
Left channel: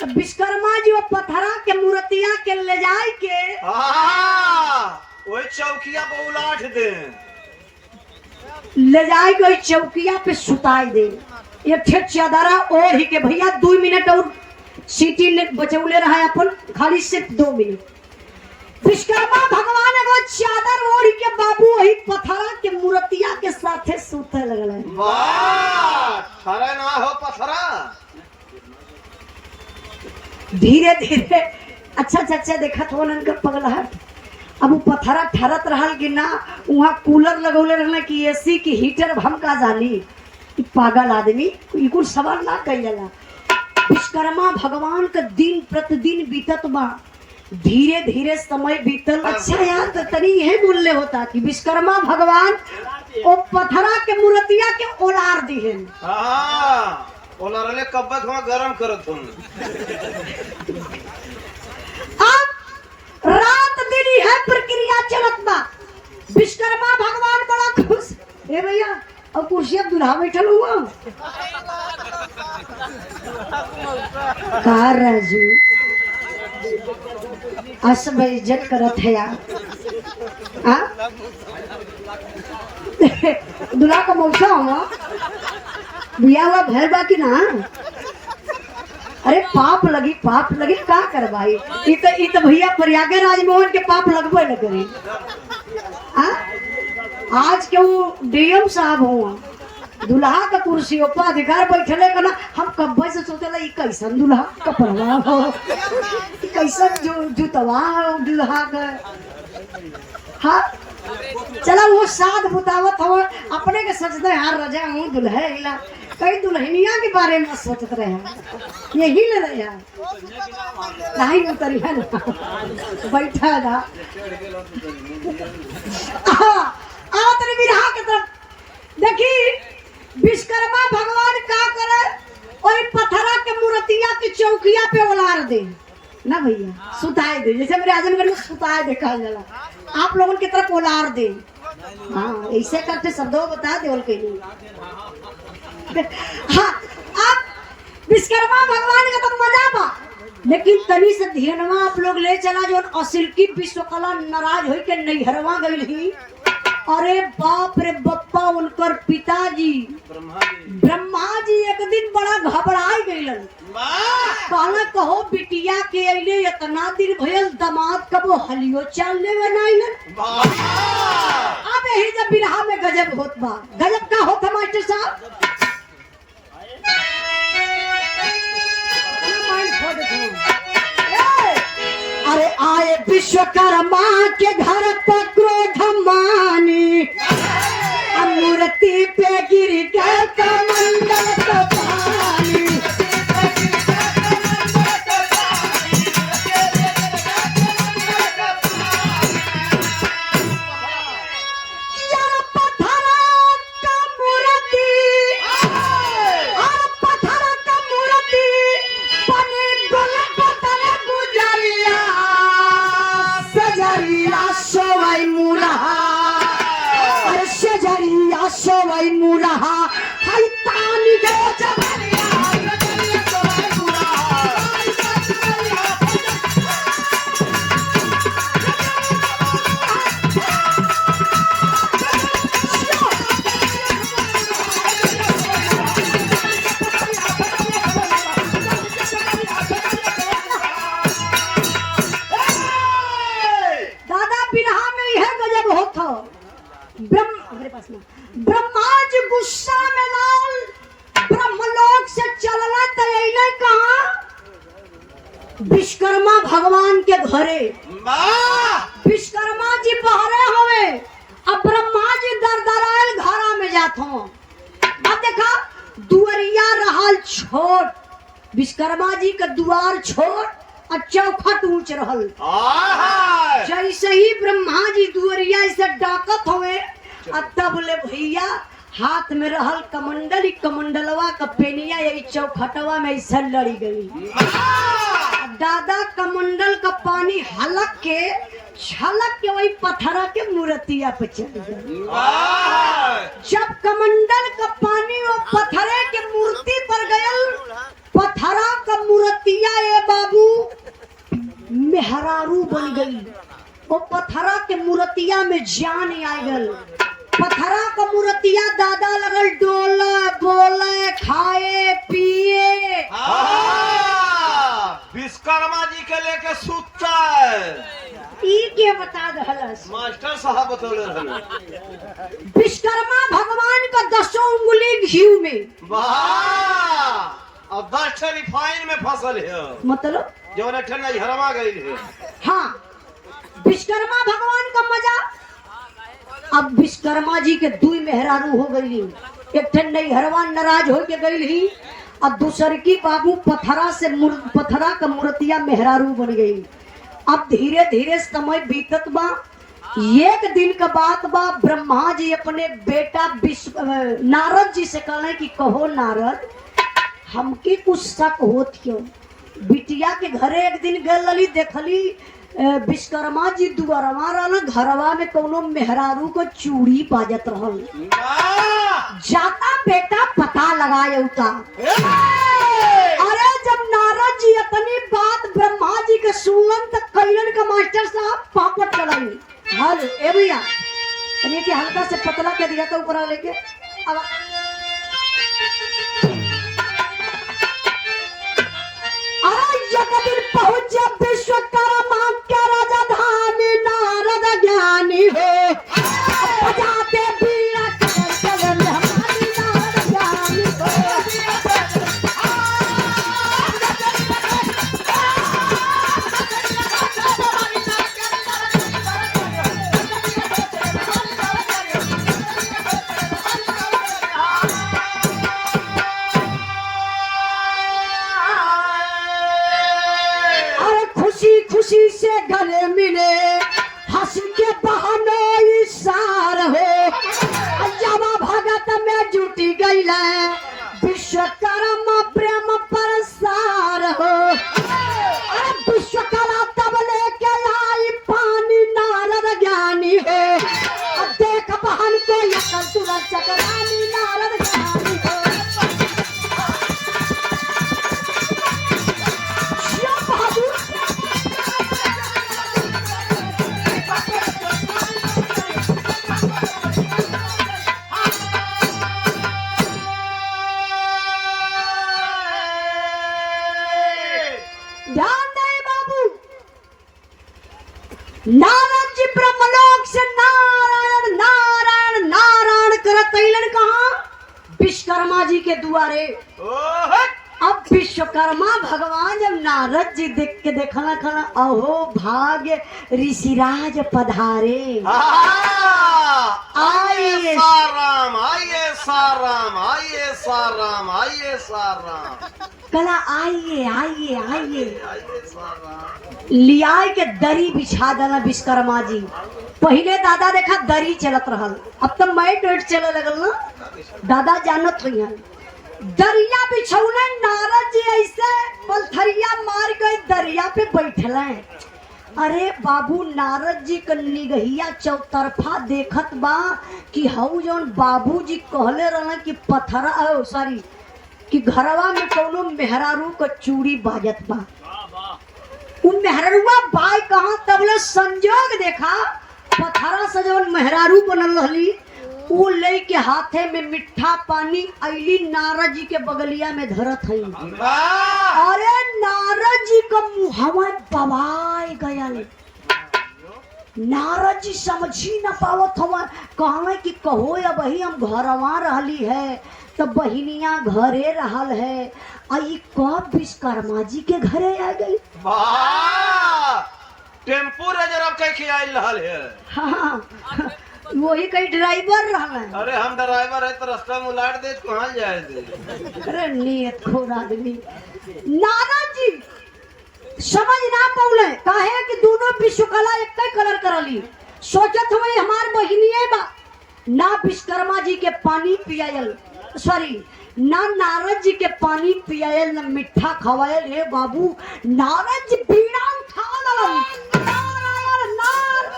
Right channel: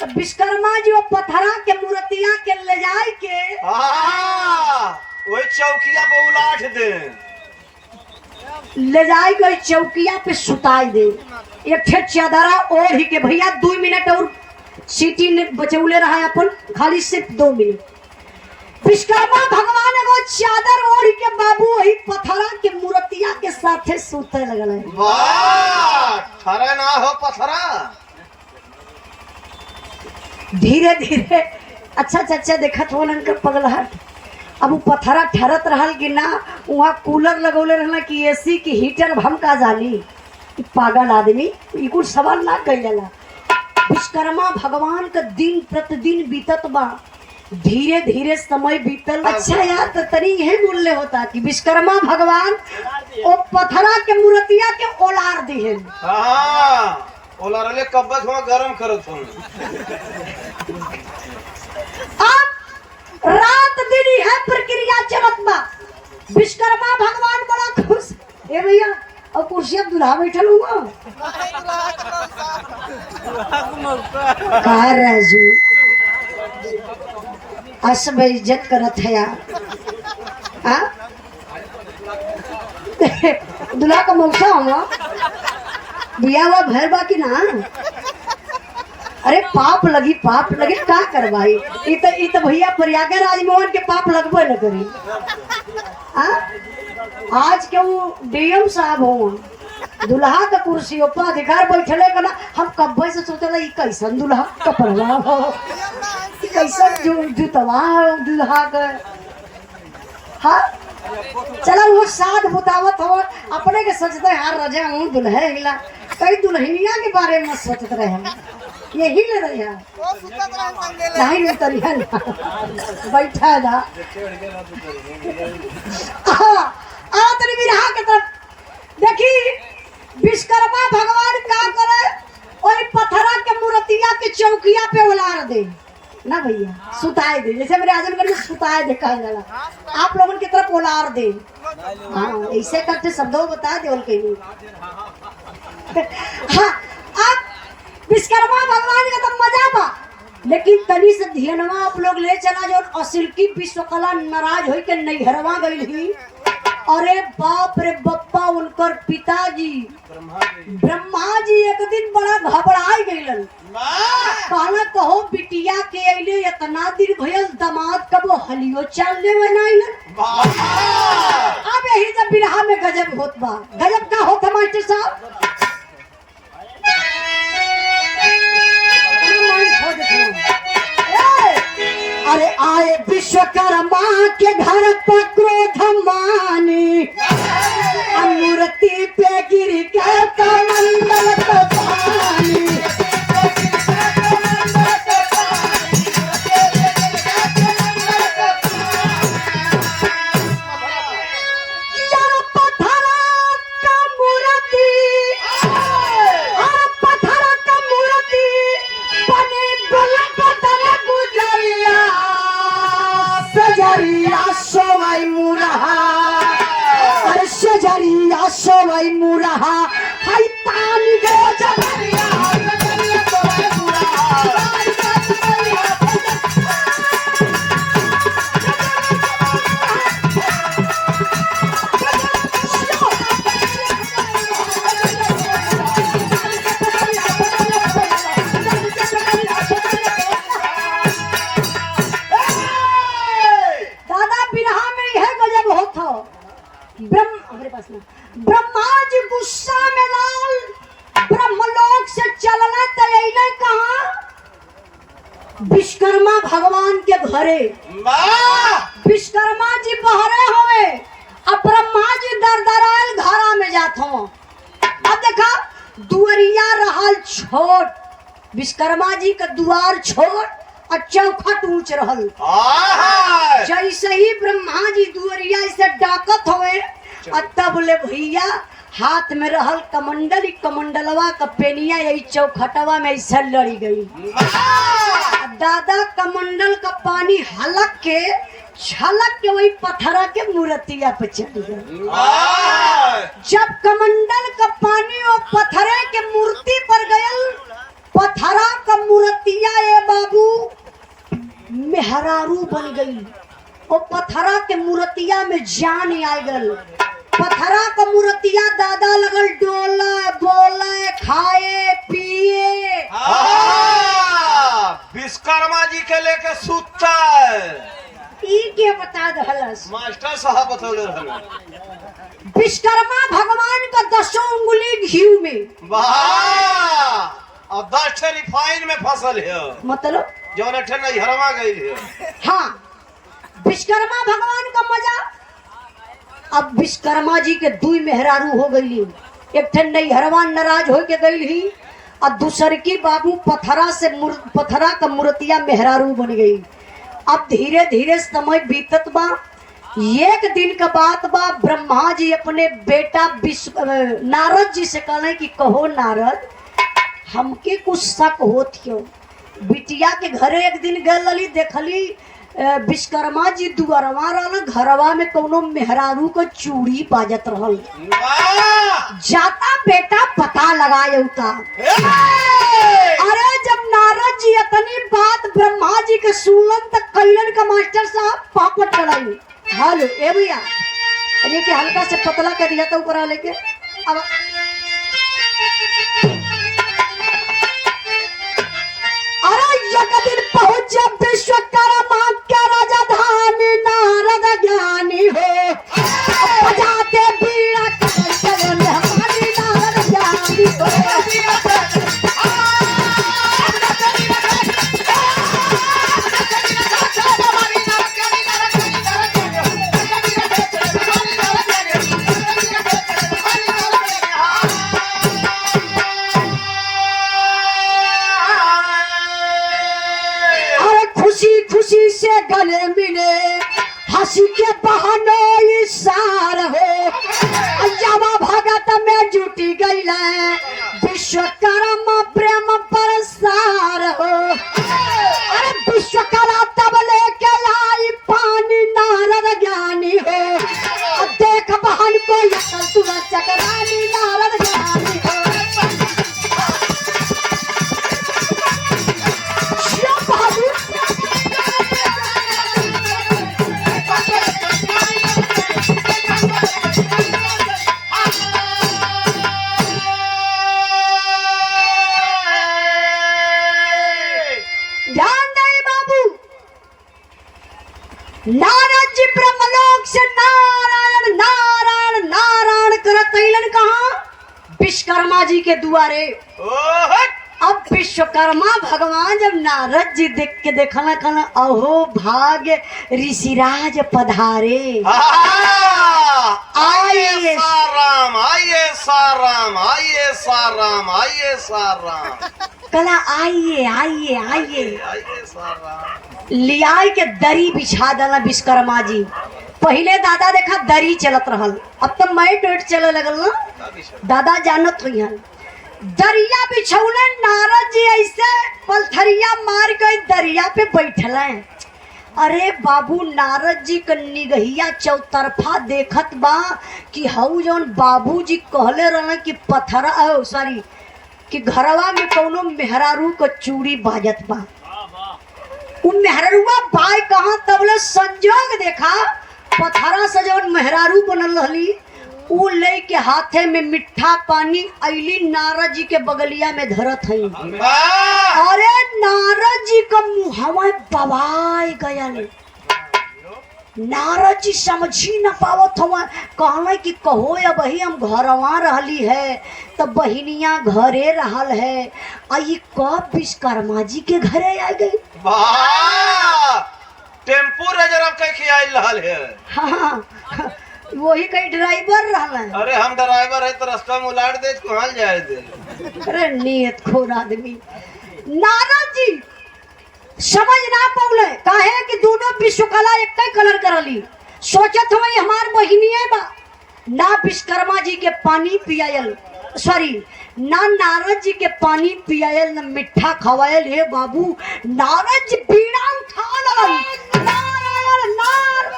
तो विश्वकर्मा जी वो पथरा के मूर्तिया के ले जाए के वही चौकिया पे उलाट दे। ले जाए कोई चौकिया पे सुताई दे। ये ठे चादरा ओढ़ के भैया 2 मिनट और सीटी ने बचौले रहा है अपन, खाली सिर्फ 2 मिनट। विश्वकर्मा भगवान एगो चादर ओढ़ के बाबू वही पथरा के मूर्तिया के साथे सूते लगल है। वाह, ठहरे ना हो पथरा। धीरे धीरे अच्छा चाचा देखत हो नन का पगलहट। अब वो पथरा ठहरत रहल कि ना, वहाँ कूलर लगौले रहल कि एसी की हीटर हम का जानी। पागल आदमी ई कुछ सवाल ना कइला। विश्वकर्मा भगवान का दिन प्रतिदिन बीतत बा, धीरे धीरे समय बीतल। अच्छा यार तो तरी यही बोलले होता कि विश्वकर्मा भगवान ओ पथरा के मूर्तिया के ओलार दिहन। हाँ, ओलारले कब्बत हुआ गरम करत हूँ। अब रात दिन है प्रक्रिया चलत बा। विश्वकर्मा भगवान बड़ा खुश। ए भैया और कुर्सी अब दूल्हा बैठल हुआ का राजू असब इज्जत करत है यार। हाँ दूल्हा का मौसा हो बिया हुआ घर बाकी ना। अरे पाप लगी का करवाई। ई तो भैया प्रयागराज मोहन के पाप लगबे न करी। आज के वो डीएम साहब हो, दुल्हा का कुर्सी ऊपर अधिकार बैठले का ना। हम कब्बे से सोचला ई कैसन दुल्हा कपड़वा हो, ई कैसन जो जुतवा हो दुल्हा का। हाँ चला वो साथ बतावत हो अपने के सोचते यार रजा हूँ दुल्हे गिला। कई दुल्हनिया के बारे में सोचत रहे यही ले रहे नहीं उतरिया बैठा था। तेरे बिरहा के तरफ देखी विश्वकर्मा भगवान का करे और पथरा के मूर्तिया के चौकिया पे उलार दे ना भैया, सुताए दे। जैसे मेरे आदमी में सुताए देखा जाला, आप लोगों की तरफ उलार दे। हाँ ऐसे करते शब्दों बता दे उनके लिए। हाँ आप विश्वकर्मा भगवान का तो मजा बा, लेकिन तनी से ध्यानवा आप लोग ले चला जो असिल की विश्वकला नाराज हो के नैहरवा गई ही। अरे बाप रे बप्पा उनकर पिताजी ब्रह्मा जी एक दिन बड़ा घबराई गइलन। कहना कहो बिटिया के अइले इतना दिन भइल दामाद कबो हलियो चलने में नहीं। अब यही जब बिरहा में गजब होत बा। गजब का होता मास्टर साहब। अरे आए विश्वकर्मा के घर पर क्रोध मानी, मूर्ति पे गिर गया कमंडल का पानी। यार पथरा का मूर्ति बने गोलक तले गुजरिया सजरिया सोई मुरहा। अरे सजरिया सोई मुरहा हाय तानी गे जबरिया। ब्रह्मा जी गुस्सा में लाल ब्रह्मलोक से चलना तैयार कहा विश्वकर्मा भगवान के घरे। विश्वकर्मा जी बहरे हुए, अब ब्रह्मा जी दरदराल घरा में जात हो। अब देखा दुआरिया रहल छोट, विश्वकर्मा जी का द्वार छोट और चौखट ऊंच रहल। जैसे ही ब्रह्मा जी दुआरिया से डाकत हुए तब ले भैया हाथ में रहल कमंडल, कमंडलवा का पेनिया यही चौखटवा में ऐसा लड़ी गई। दादा कमंडल का पानी हलक के छलक के वही पथरा के मूर्तिया पे चली गई। जब कमंडल का पानी वो पथरे के मूर्ति पर गया, पथरा का मूर्तिया ये बाबू मेहरारू बन गई। वो पथरा के मूर्ति जान आ गल। पथरा का मूर्तिया दादा लगल डोले बोले खाए पिए। विश्वकर्मा जी के लेके सूता है। ई के बता दहलस मास्टर साहब बतौले रहन। विश्वकर्मा भगवान का 10 उंगली घी में। वाह, और 10 ठे रिफाइन में फसल है, मतलब जौन ठे नहीं हरवा गई है। हाँ, विश्वकर्मा भगवान का मजा। अब विश्वकर्मा जी के 2 मेहरारू हो गई। एक ठन नहीं हरवान नाराज हो के गई ही, और दूसर की बाबू पथरा का मूर्तिया मेहरारू बन गई। अब धीरे धीरे समय बीतत बा। एक दिन का बात बा, ब्रह्मा जी अपने बेटा नारद जी से कहले कि कहो नारद, हमके कुछ शक होत हो। बिटिया के घरे एक दिन गल रही, देखली विश्वकर्मा जी दुआरवा रहल, घरवा में कोनो मेहरारू को चूड़ी बाजत रहल। जाता बेटा पता लगाए उता। अरे जब नारद जी अपनी बात ब्रह्मा जी के सुनलन तक कल्याण का मास्टर साहब पापड़ चढ़ाई। हल ए भैया, अरे के हल्का से पतला कर दिया था ऊपर लेके। अब अरे एक दिन पहुंच विश्वकर्मा के राजधानी, नारद ज्ञानी हो बजाते बीड़ा कमल मेहमानी, नारद ज्ञानी हो। खुशी से गले मिले, हंसी के बहाने इशार हो, जब भगत में जुटी गई है विश्वकर्मा प्रेम परसार हो। अरे विश्वकर्मा तब लेके लाई पानी, नारद ज्ञानी हो देख बहन को तुरंत चकरानी, नारद ज्ञानी हो। नारद जी ब्रह्मलोक से नारायण नारायण नारायण करत अइलन कहां? विश्वकर्मा जी के दुआरे। अब विश्वकर्मा भगवान जब नारद जी देख के देखना कहना, अहो भाग्य ऋषिराज पधारे। आइए साराम, आइए साराम, आइए साराम, आइए साराम, कहना आइए आइए आइए। आइए साराम। लियाई के दरी बिछा देना विश्वकर्मा जी। पहले दादा देखा दरी चलत रहल, अब तो मैट वेट चले लगल ना, दादा जानत रहियन। दरिया बिछौले, नारद जी ऐसे पलथरिया मार के दरिया पे बैठल। अरे बाबू, नारद जी का निगहिया चौतरफा देखत बा कि हऊ जौन बाबू जी कहले रहन कि पथरा सॉरी कि घरवा में कोनो मेहरारू को चूड़ी बाजत बा। उन मेहरारूआ बाय कहाँ, तबले संजोग देखा पथरा से जौन मेहरारू बनल रहली, उ ले के हाथे में मिठा पानी अइली नारद जी के बगलिया में धरत हई। अरे नारद जी का मुहवा दबाई गयल। नारद जी समझी न पावत हुआ, कहले कि कहो या बही हम घरवा रहली है, तो बहिनिया घरे रहल है, आई कब विश्वकर्मा जी के घरे आ गई। टेम्पू रिजर्व के आइल रहल है। हाँ, वही कहीं ड्राइवर रहल है। अरे हम ड्राइवर है तो रास्ता में उलाट दे, कहाँ जाए दे। अरे नियत खोर आदमी। नारद जी समझ ना पौले, काहे कि दोनों विश्वकला एक कलर करली। सोचत हुई हमार बहिनिये बा, ना विश्वकर्मा जी के पानी पियायल, सॉरी ना नारद जी के पानी पियायल, ना मिठा खवायल। हे बाबू, नारद जी बीड़ा उठा ललन, नारायण नारायण।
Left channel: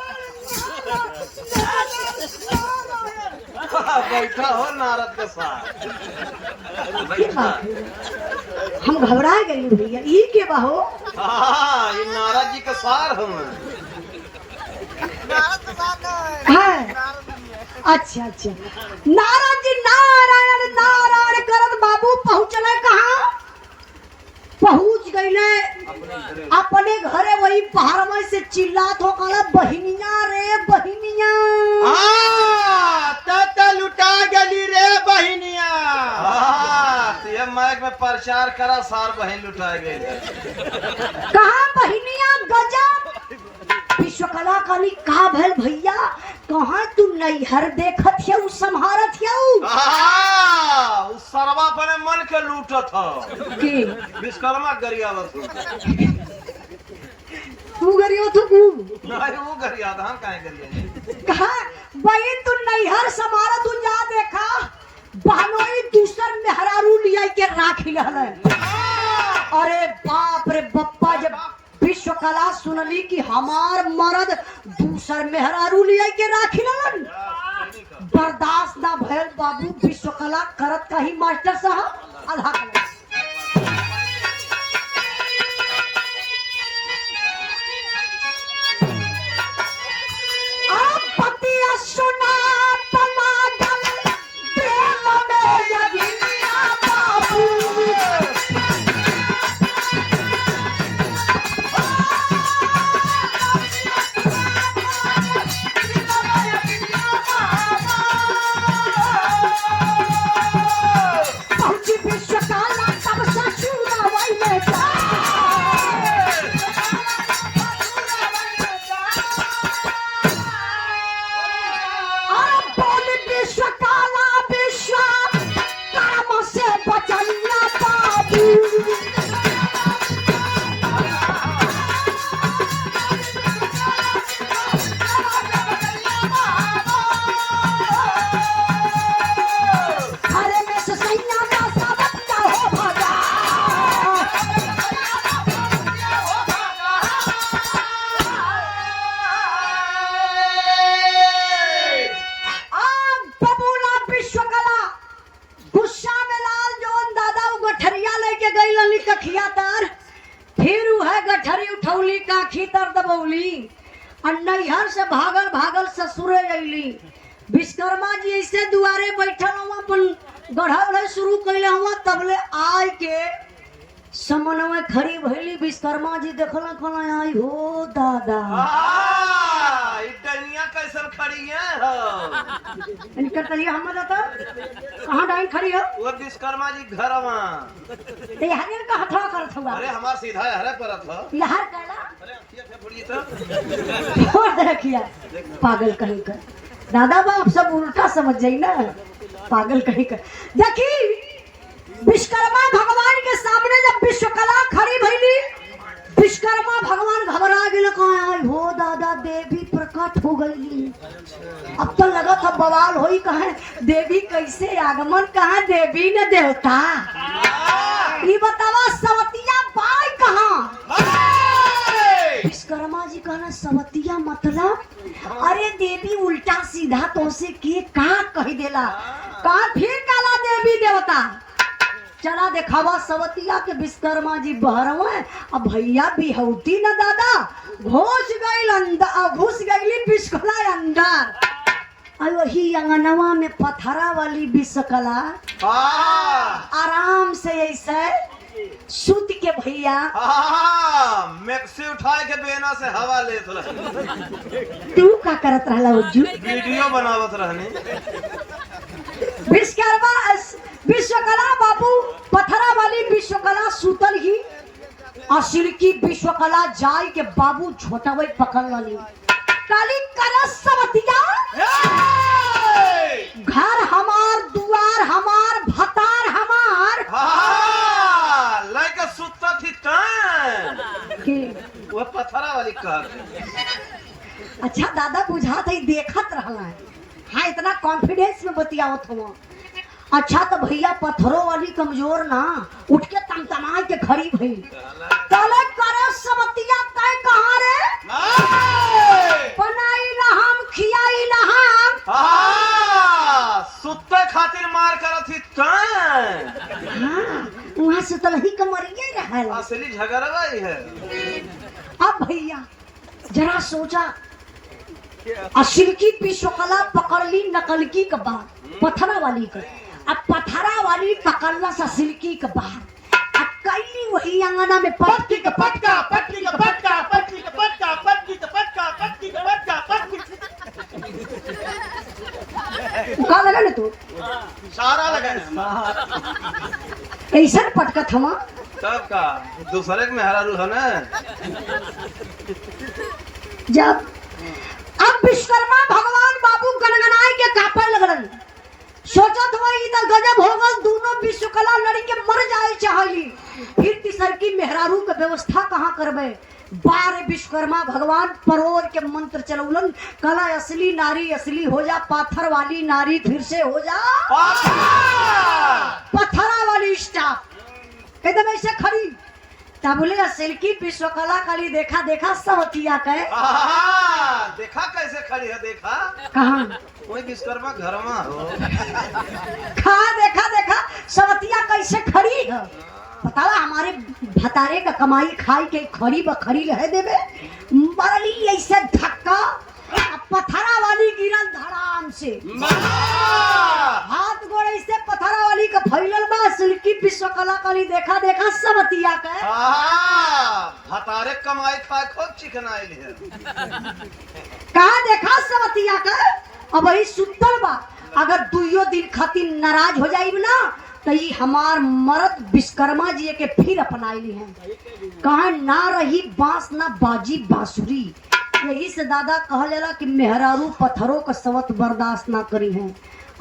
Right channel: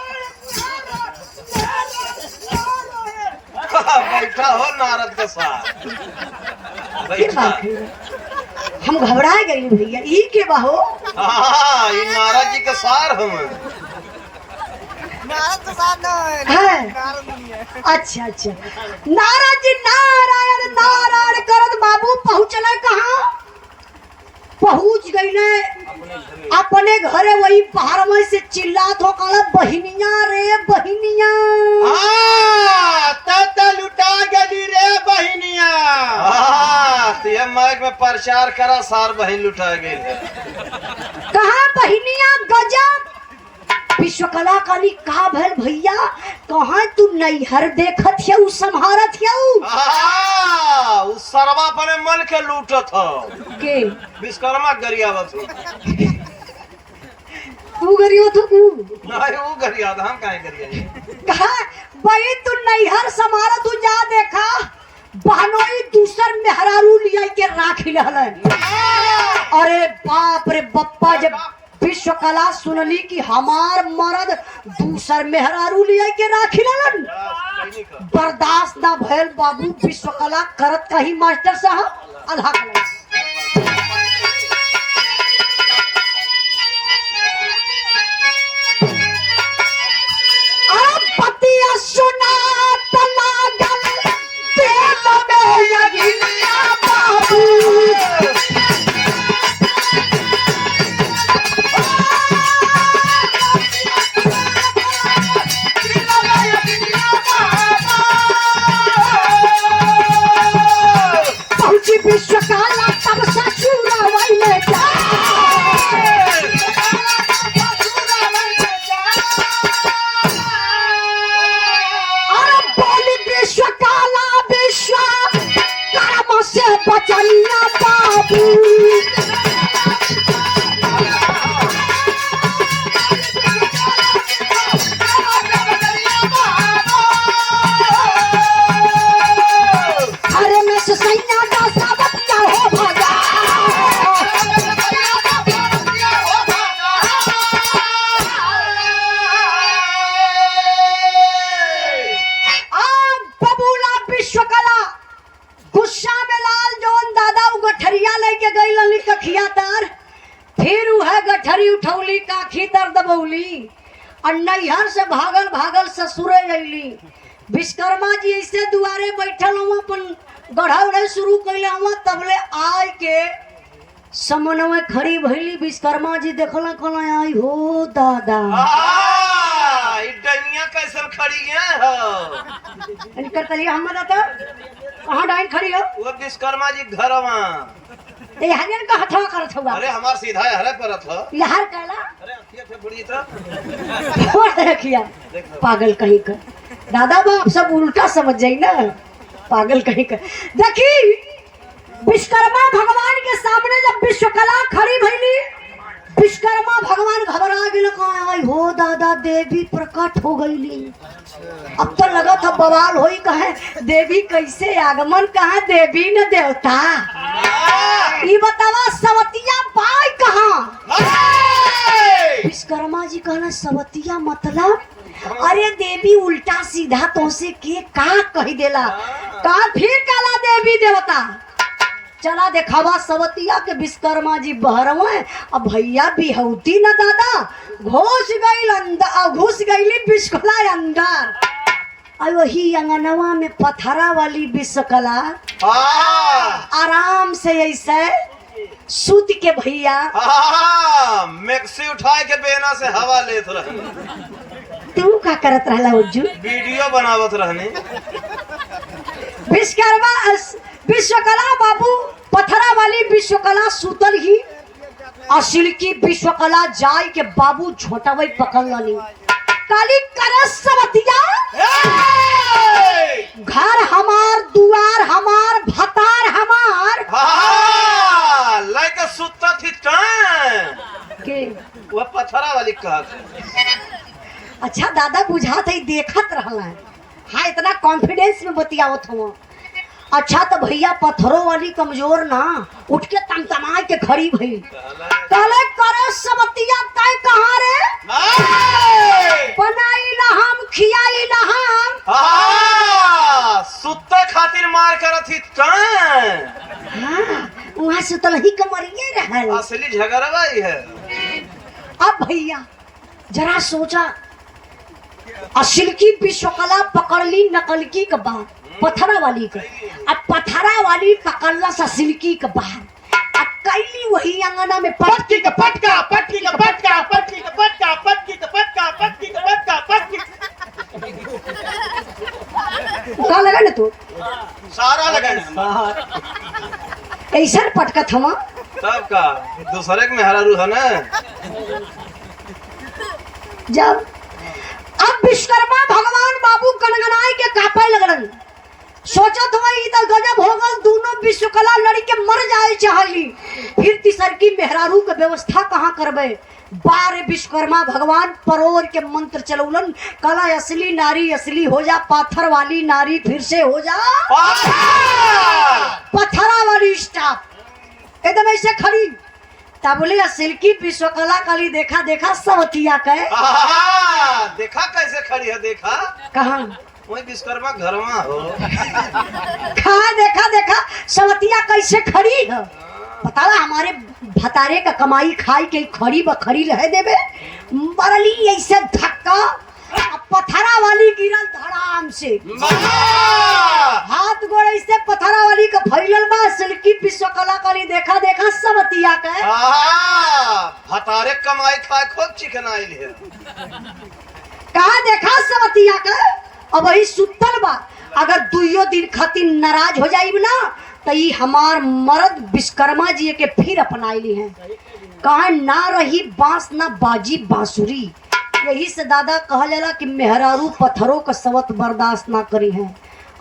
बैठा हो नारद के साथ बैठा। हम घबरा गए भैया, ई के बाहो। हाँ, ये नारद जी के सार हम। है। अच्छा अच्छा, नारायण जी नारायण नारायण करत बाबू पहुंचना कहाँ? पहुंच गईले अपने घरे, वही पहाड़ में से चिल्लात हो कल बहिनिया रे बहिनिया। तत लुटा गली रे बहिनिया। तो ये माइक में प्रचार करा, सार बहन लुटा गई। कहा बहिनिया गजब विश्वकला काली कहा भैल भैया, कहा तू नैहर देखत है संहारत है उस सरवा पर मन के लूटत हो के विश्वकर्मा गरियावत हो। तू गरीब तो तू नहीं वो गरियावत, हम काहे गरिया। कहा भाई तू नैहर संहारत, तू जा देखा बहनोई दूसर मेहरारू लिया के राखी लहलन। अरे बाप रे बप्पा, जब विश्वकला सुनली कि हमार मर्द दूसर मेहरारू लिया के राखी लहलन, बर्दाश्त ना भैल बाबू। विश्वकला करत कही मास्टर साहब आधा विश्वकला तब ससुर वाले जा। अरे बोल विश्वकला विश्वकर्मा से बचनिया बाबू। अरे मैं ससैया फिर वह गठरी उठौली काखी तर दबौली और नैहर से भागल भागल ससुरे अली। विश्वकर्मा जी ऐसे दुआरे बैठल हुआ अपन गढ़ा उड़े शुरू कैले हुआ, तबले आय के समनवे खड़ी भैली। विश्वकर्मा जी देखला कहला आई हो दादा डैनिया कैसन खड़ी है हो। इनकर तलिया हम बता कहां डाइन खड़ी हो? वो विश्वकर्मा जी घरवा ते हरियर का हथवा करत हुआ। अरे हमार सीधा हरे परत हो। लहर कहला अरे अखिया से बुड़ी तो छोड़ रखिया पागल कहीं का। दादा बाप सब उल्टा समझ जाई ना, पागल कहीं का। देखी विश्वकर्मा भगवान के सामने जब विश्वकला खड़ी भइली, विश्वकर्मा भगवान घबरा गए, कहा आई हो दादा देवी प्रकट हो गईली। अब तो लगा था बवाल होई, कहे देवी कैसे आगमन, कहा देवी ने देवता। ये बतावा सवतिया पाई कहाँ? विश्वकर्मा जी कहना सवतिया मतलब? अरे देवी उल्टा सीधा तो से के का कही देला, का फिर काला देवी देवता। चला देखावा सवतिया के विश्वकर्मा जी बहरवे। अब भैया बिहौती न दादा घुस गई अंदर, घुस गईली विश्वकला अंदर। और वही अंगनवा में पथरा वाली विश्वकला आराम से ऐसे सूत के भैया मैक्सी उठाए के बेना से हवा लेत रही। तू का करत रहला उज्जू? वीडियो बनावत रहने। विश्वकला बाबू पथरा वाली विश्वकला सूतल ही, असिल की विश्वकला जाय के बाबू झोटावई पकड़ ली। काली करस सवतिया घर हमार, दुआर हमार, भतार हमार। लाइक सुत्ता थी के वो पथरा वाली कहत। अच्छा दादा बुझात है देखत रहला। हाँ इतना कॉन्फिडेंस में बतियावत हो। अच्छा तो भैया पत्थरों वाली कमजोर ना, उठ के तमतमाए के खड़ी भई। काले करे सवतिया तय कहां रे? बनाई ना हम, खियाई ना हम। सुत्ते खातिर मार करत थी कान। हां वहां सुतल ही कमरिए रहल। असली झगड़वा ही है। अब भैया जरा सोचा असिल की विश्वकला पकड़ ली नकल की के बाद पथरा वाली के, अब पथरा वाली पकड़ला असिल की के बाद अब कैली वही अंगना में पटकी का पटका, पटकी का पटका, पटकी का पटका, पटकी का पटका, पटकी का पटका, पटकी कहाँ लगा ना तू सारा लगाना ऐसा पटका थमा तब का दूसरे के मेहरारू है ना। जब अब विश्वकर्मा भगवान बाबू गनगनाई के कापे लगन, सोचा तो वही तो गजब होगा, दोनों विश्वकला लड़ी के मर जाए चाहली, फिर तीसर की मेहरारू के व्यवस्था कहाँ करबे। बारे विश्वकर्मा भगवान परोर के मंत्र चलौलन, कला असली नारी असली हो जा, पाथर वाली नारी फिर से हो जा पथरा वाली स्टाफ एकदम ऐसे खड़ी। तब बोले असिल की विश्वकला कली देखा देखा सवतिया के देखा कैसे खड़ी है, देखा कहाँ वही विश्वकर्मा घर में हो। कहाँ देखा देखा सवतिया कैसे खड़ी है, पता है हमारे भतारे का कमाई खाई के खड़ी बखड़ी रह देवे, मरली ऐसे धक्का पथरा वाली गिरन धड़ाम से, हाथ गोड़ ऐसे पथरा वाली का फैलल बा। सिल्की विश्वकला कली देखा देखा सवतिया के भतारे कमाई खाए खूब चिकन आइल है। कहाँ देखा सवतिया के अब वही सुतल बा, अगर दुइयो दिन खातिर नाराज हो जाइब ना तो ये हमार मर्द विश्वकर्मा जी के फिर अपनाइली हैं। कहा ना रही बांस ना बाजी बांसुरी, यही से दादा कहा जाला कि मेहरारू पत्थरों का सवत बर्दाश्त ना करी हैं।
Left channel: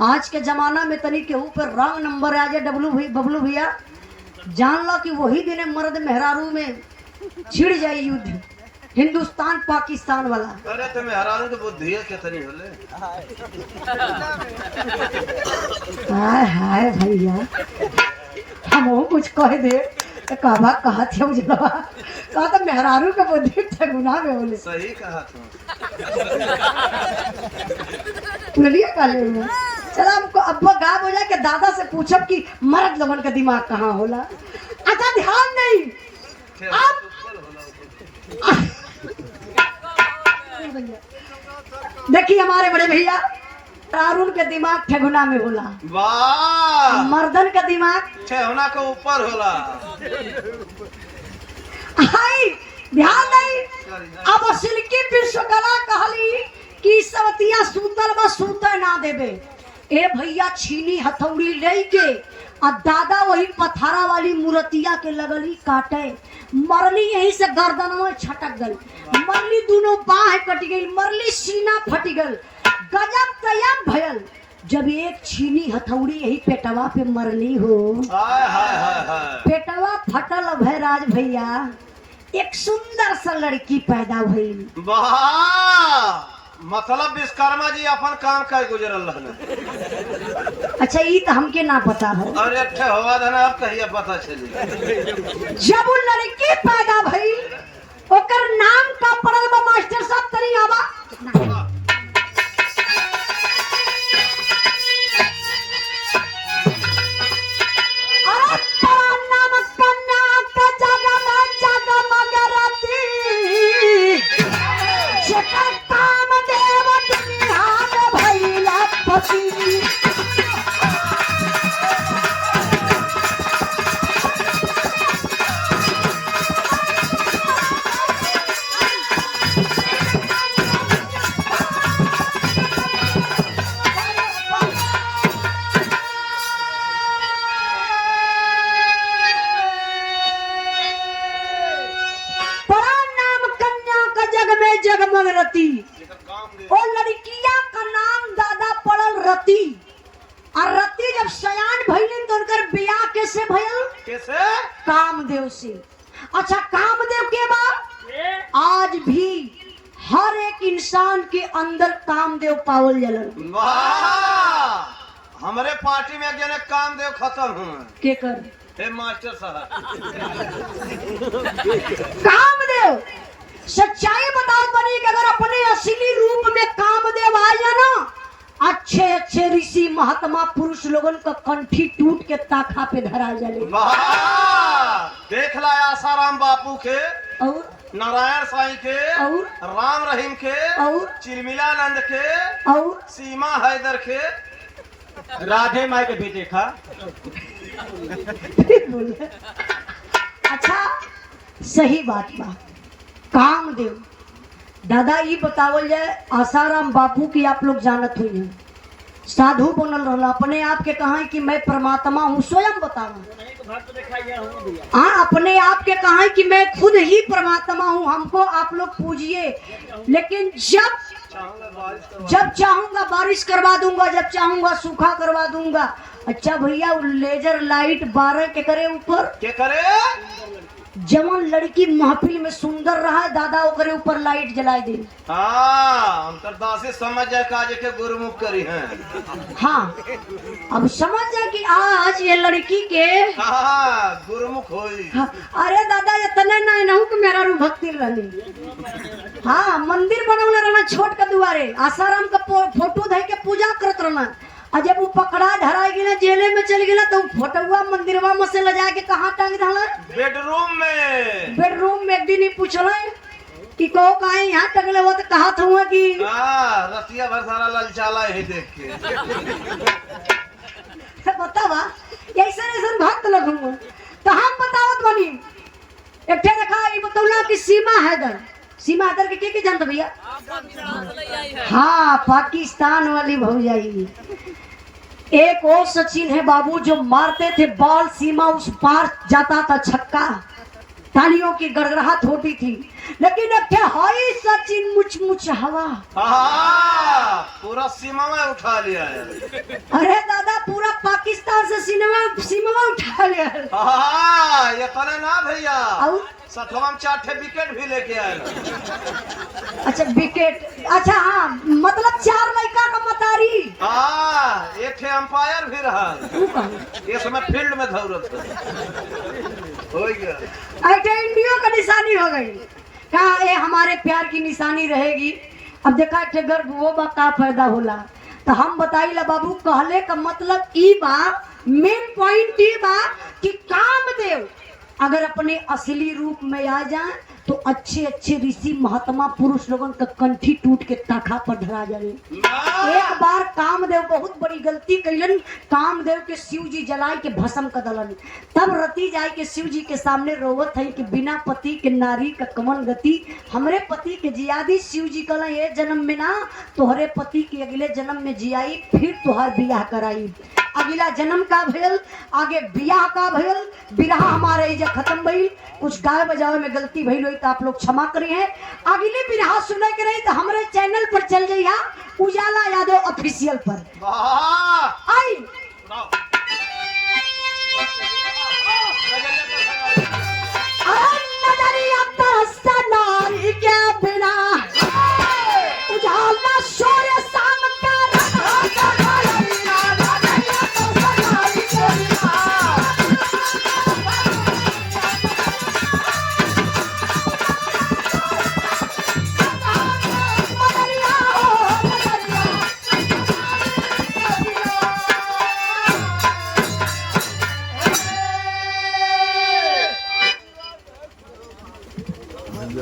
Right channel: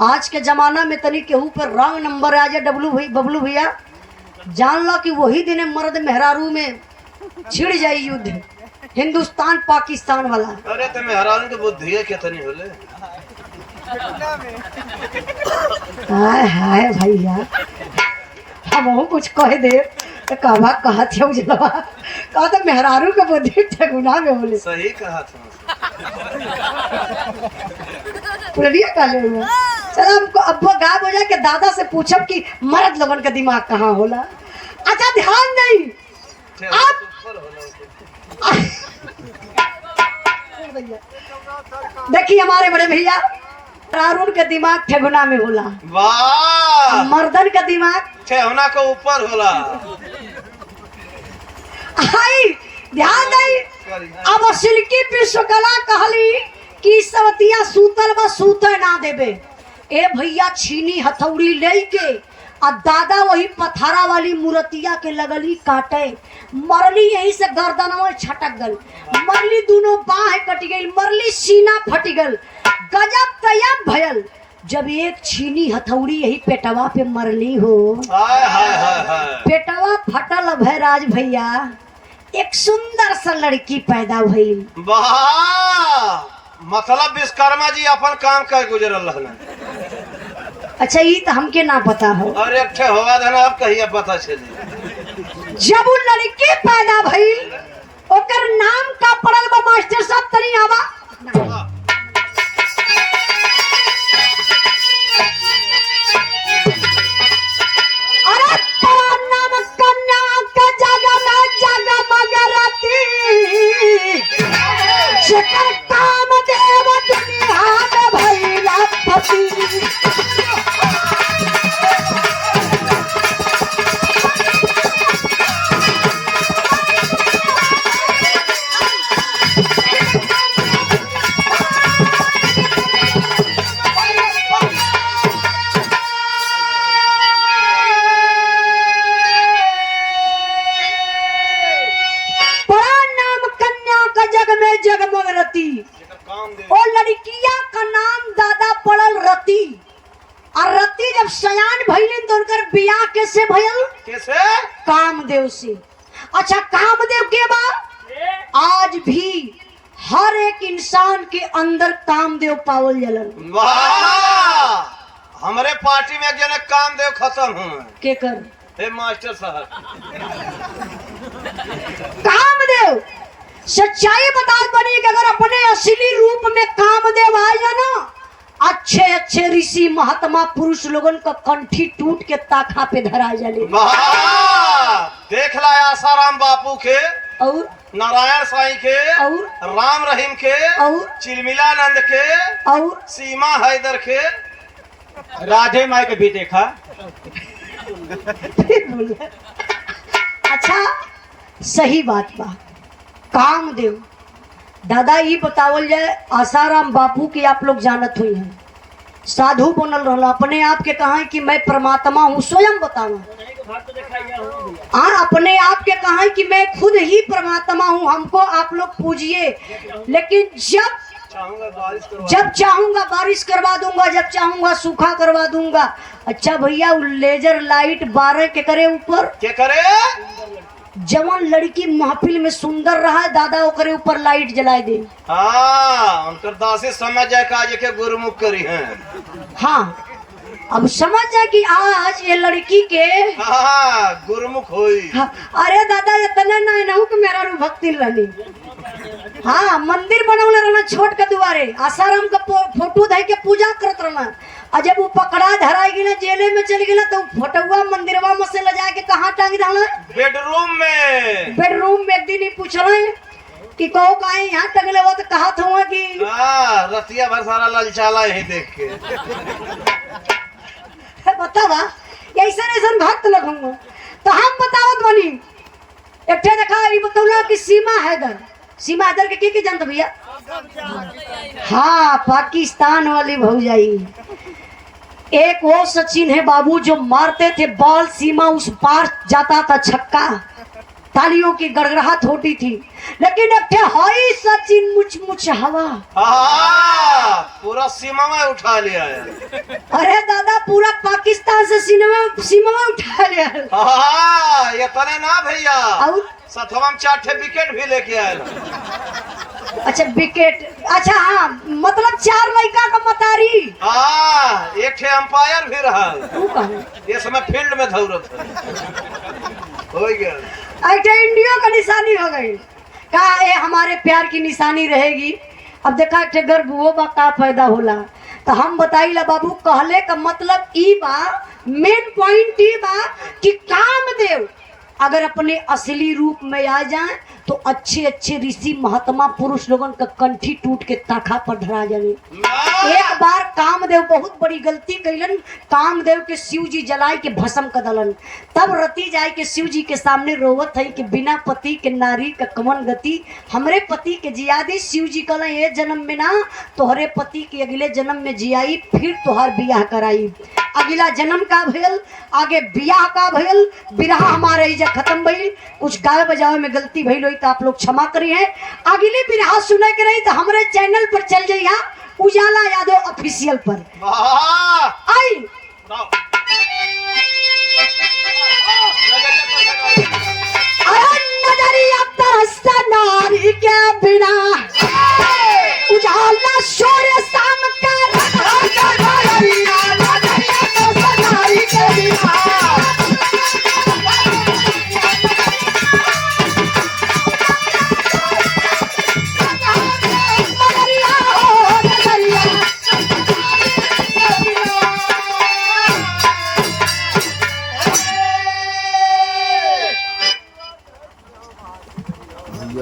आज के जमाना में तनी केहू पर रंग नंबर आ जाए बबलू भैया जान लो कि वही दिन मर्द मेहरारू में छिड़ जाए युद्ध, हिंदुस्तान पाकिस्तान वाला। अरे तो मेहरारू की बुद्धि है कितनी होले। हाय हाय भैया हम कुछ कह दे तो कहवा कहत है उजलवा, कहा तो मेहरारू के बुद्धि ठगुना में बोले। सही कहा तुम। बोलिए काले चल हमको अब्बा गायब हो जाए के दादा से पूछब कि मर्द लोगन का दिमाग कहाँ होला। अच्छा ध्यान नहीं अब देखिए हमारे बड़े भैया अरुण के दिमाग ठेगुना में होला, वाह मर्दन का दिमाग ठेहुना के ऊपर होला। हाय ध्यान नहीं अब सिल्की विश्वकला कहली कि सवतिया सूतल बा सूते ना देबे। ए भैया छीनी हथौड़ी लेके आ दादा वही पथारा वाली मूर्तिया के लगली काटे, मरली यही से गर्दनवा छटक गल, मरली दोनों बाहें कट गई, मरली सीना फट गल, गजब तयब भयल। जब एक छीनी हथौड़ी यही पेटवा पे मरली हो, हाय हाय हाय हाय पेटवा फटल भैराज भैया, एक सुंदर सा लड़की पैदा हुई। वाह मतलब विश्वकर्मा जी अपन काम कर गुजरल रहने। अच्छा ये तो हमके ना पता हो। अरे अच्छा होगा देना अब कहिए पता चली। जब वो लड़के पैदा भई ओकर नाम का पड़ल बा मास्टर साहब तनी आवा। अरे तेरा नाम कन्या का जगमग राती, जेकर काम देव दुनिया में भइला पति। और लड़किया का नाम दादा पड़ल रति, और रति जब सयान भइलिन तो उनकर बियाह कैसे भइल? कैसे? कामदेव से। अच्छा कामदेव के बाद आज भी हर एक इंसान के अंदर कामदेव पावल जलन। वाह हमारे पार्टी में जने कामदेव खत्म हुए के कर हे मास्टर साहब। कामदेव सच्चाई बता बनी कि अगर अपने असली रूप में कामदेव आ जाए ना, अच्छे अच्छे ऋषि महात्मा पुरुष लोगन का कंठी टूट के ताखा पे धरा जाले। देख ला आसाराम बापू के और नारायण साईं के, और राम रहीम के, और चिलमिलानंद के, और सीमा हैदर के, राधे माई के भी देखा। फिर बोले अच्छा सही बात बा। कामदेव दादा ये बतावल जाए, आसाराम बापू की आप लोग जानत हुई हैं, साधु बनल रहला, अपने आप के कहा कि मैं परमात्मा हूँ, स्वयं बताओ। हाँ अपने आप के कहा कि मैं खुद ही परमात्मा हूँ, हमको आप लोग पूजिए, लेकिन जब चाहूंगा बारिश करवा दूंगा, जब चाहूंगा सूखा करवा दूंगा। अच्छा भैया लेजर लाइट 12 के करे ऊपर के करे, जवन लड़की महफिल में सुंदर रहा है दादा ओकरे ऊपर लाइट जलाए दे। हाँ उनकर दासी समझ जाए काज के गुरुमुख करी है। हाँ अब समझ जाए कि आज ये लड़की के हाँ गुरुमुख हुई। हाँ, अरे दादा इतना ना नहु कि मेरा रू भक्ति रहनी। हाँ मंदिर बनौले रहना छोट के दुआरे, आसाराम का फोटो धै के पूजा करत रहना, और जब वो पकड़ा धराई गई ना जेले में चल गई ना, तो फोटोवा मंदिरवा में से ले जाके कहाँ टांग देना, बेडरूम में। बेडरूम में। एक दिन ही पूछल कि कहो कहा यहाँ टंगले हो, तो कहा था कि हाँ रतिया भर सारा ललचाला यही देख के। बतावा ऐसा ऐसा भक्त लगूंगा। तो हम बतावत बनी एक ठे देखा ये बतौला कि सीमा हैदर, सीमा हैदर के जानत भैया? हाँ पाकिस्तान वाली भौजाई। एक वो सचिन है बाबू जो मारते थे बॉल, सीमा उस पार जाता था छक्का, तालियों की गड़गड़ाहट होती थी, लेकिन अब थे हाई सचिन मुच मुच हवा। हाँ पूरा सीमा में उठा लिया है। अरे दादा पूरा पाकिस्तान से सीमा उठा लिया है। हाँ ये करे ना भैया, और सथवा में 4 ठे विकेट भी लेके आए। अच्छा विकेट, अच्छा हाँ मतलब 4 लड़का का मतारी। हाँ 1 ठे अंपायर भी रहा, ये समय फील्ड में दौड़त हो गया। इंडिया का निशानी हो गई, कहा ये हमारे प्यार की निशानी रहेगी। अब देखा थे गर्भ वो बा का फायदा होला, तो हम बताइला बाबू कहले का मतलब ई बा, मेन पॉइंट ई बा कि कामदेव अगर अपने असली रूप में आ जाए तो अच्छे अच्छे ऋषि महात्मा पुरुष लोगों का कंठी टूट के ताखा पर धरा जाए। एक बार कामदेव बहुत बड़ी गलती कैलन, कामदेव के शिव जी जलाए के भस्म कर दलन, तब रति जाए के शिव जी के सामने रोवत है कि बिना पति के नारी का कमन गति, हमरे पति के जियादी। शिव जी कहला ये जन्म में ना तोहरे पति के अगले जन्म में जियाई, फिर तोहर बियाह कराई। अगला जन्म का भेल, आगे बियाह का भेल, बिरहा हमारे इजा खत्म भइल, कुछ गाय बजावे में गलती भइल होई तो आप लोग क्षमा करी है। अगली बिरहा सुने के रही तो हमारे चैनल पर चल जाइए उजाला यादव ऑफिशियल पर। आई नजरिया तरसता नारी के बिना, उजाला शोर शाम का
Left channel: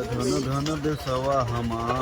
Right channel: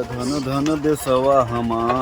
धन धन देसवा हमार।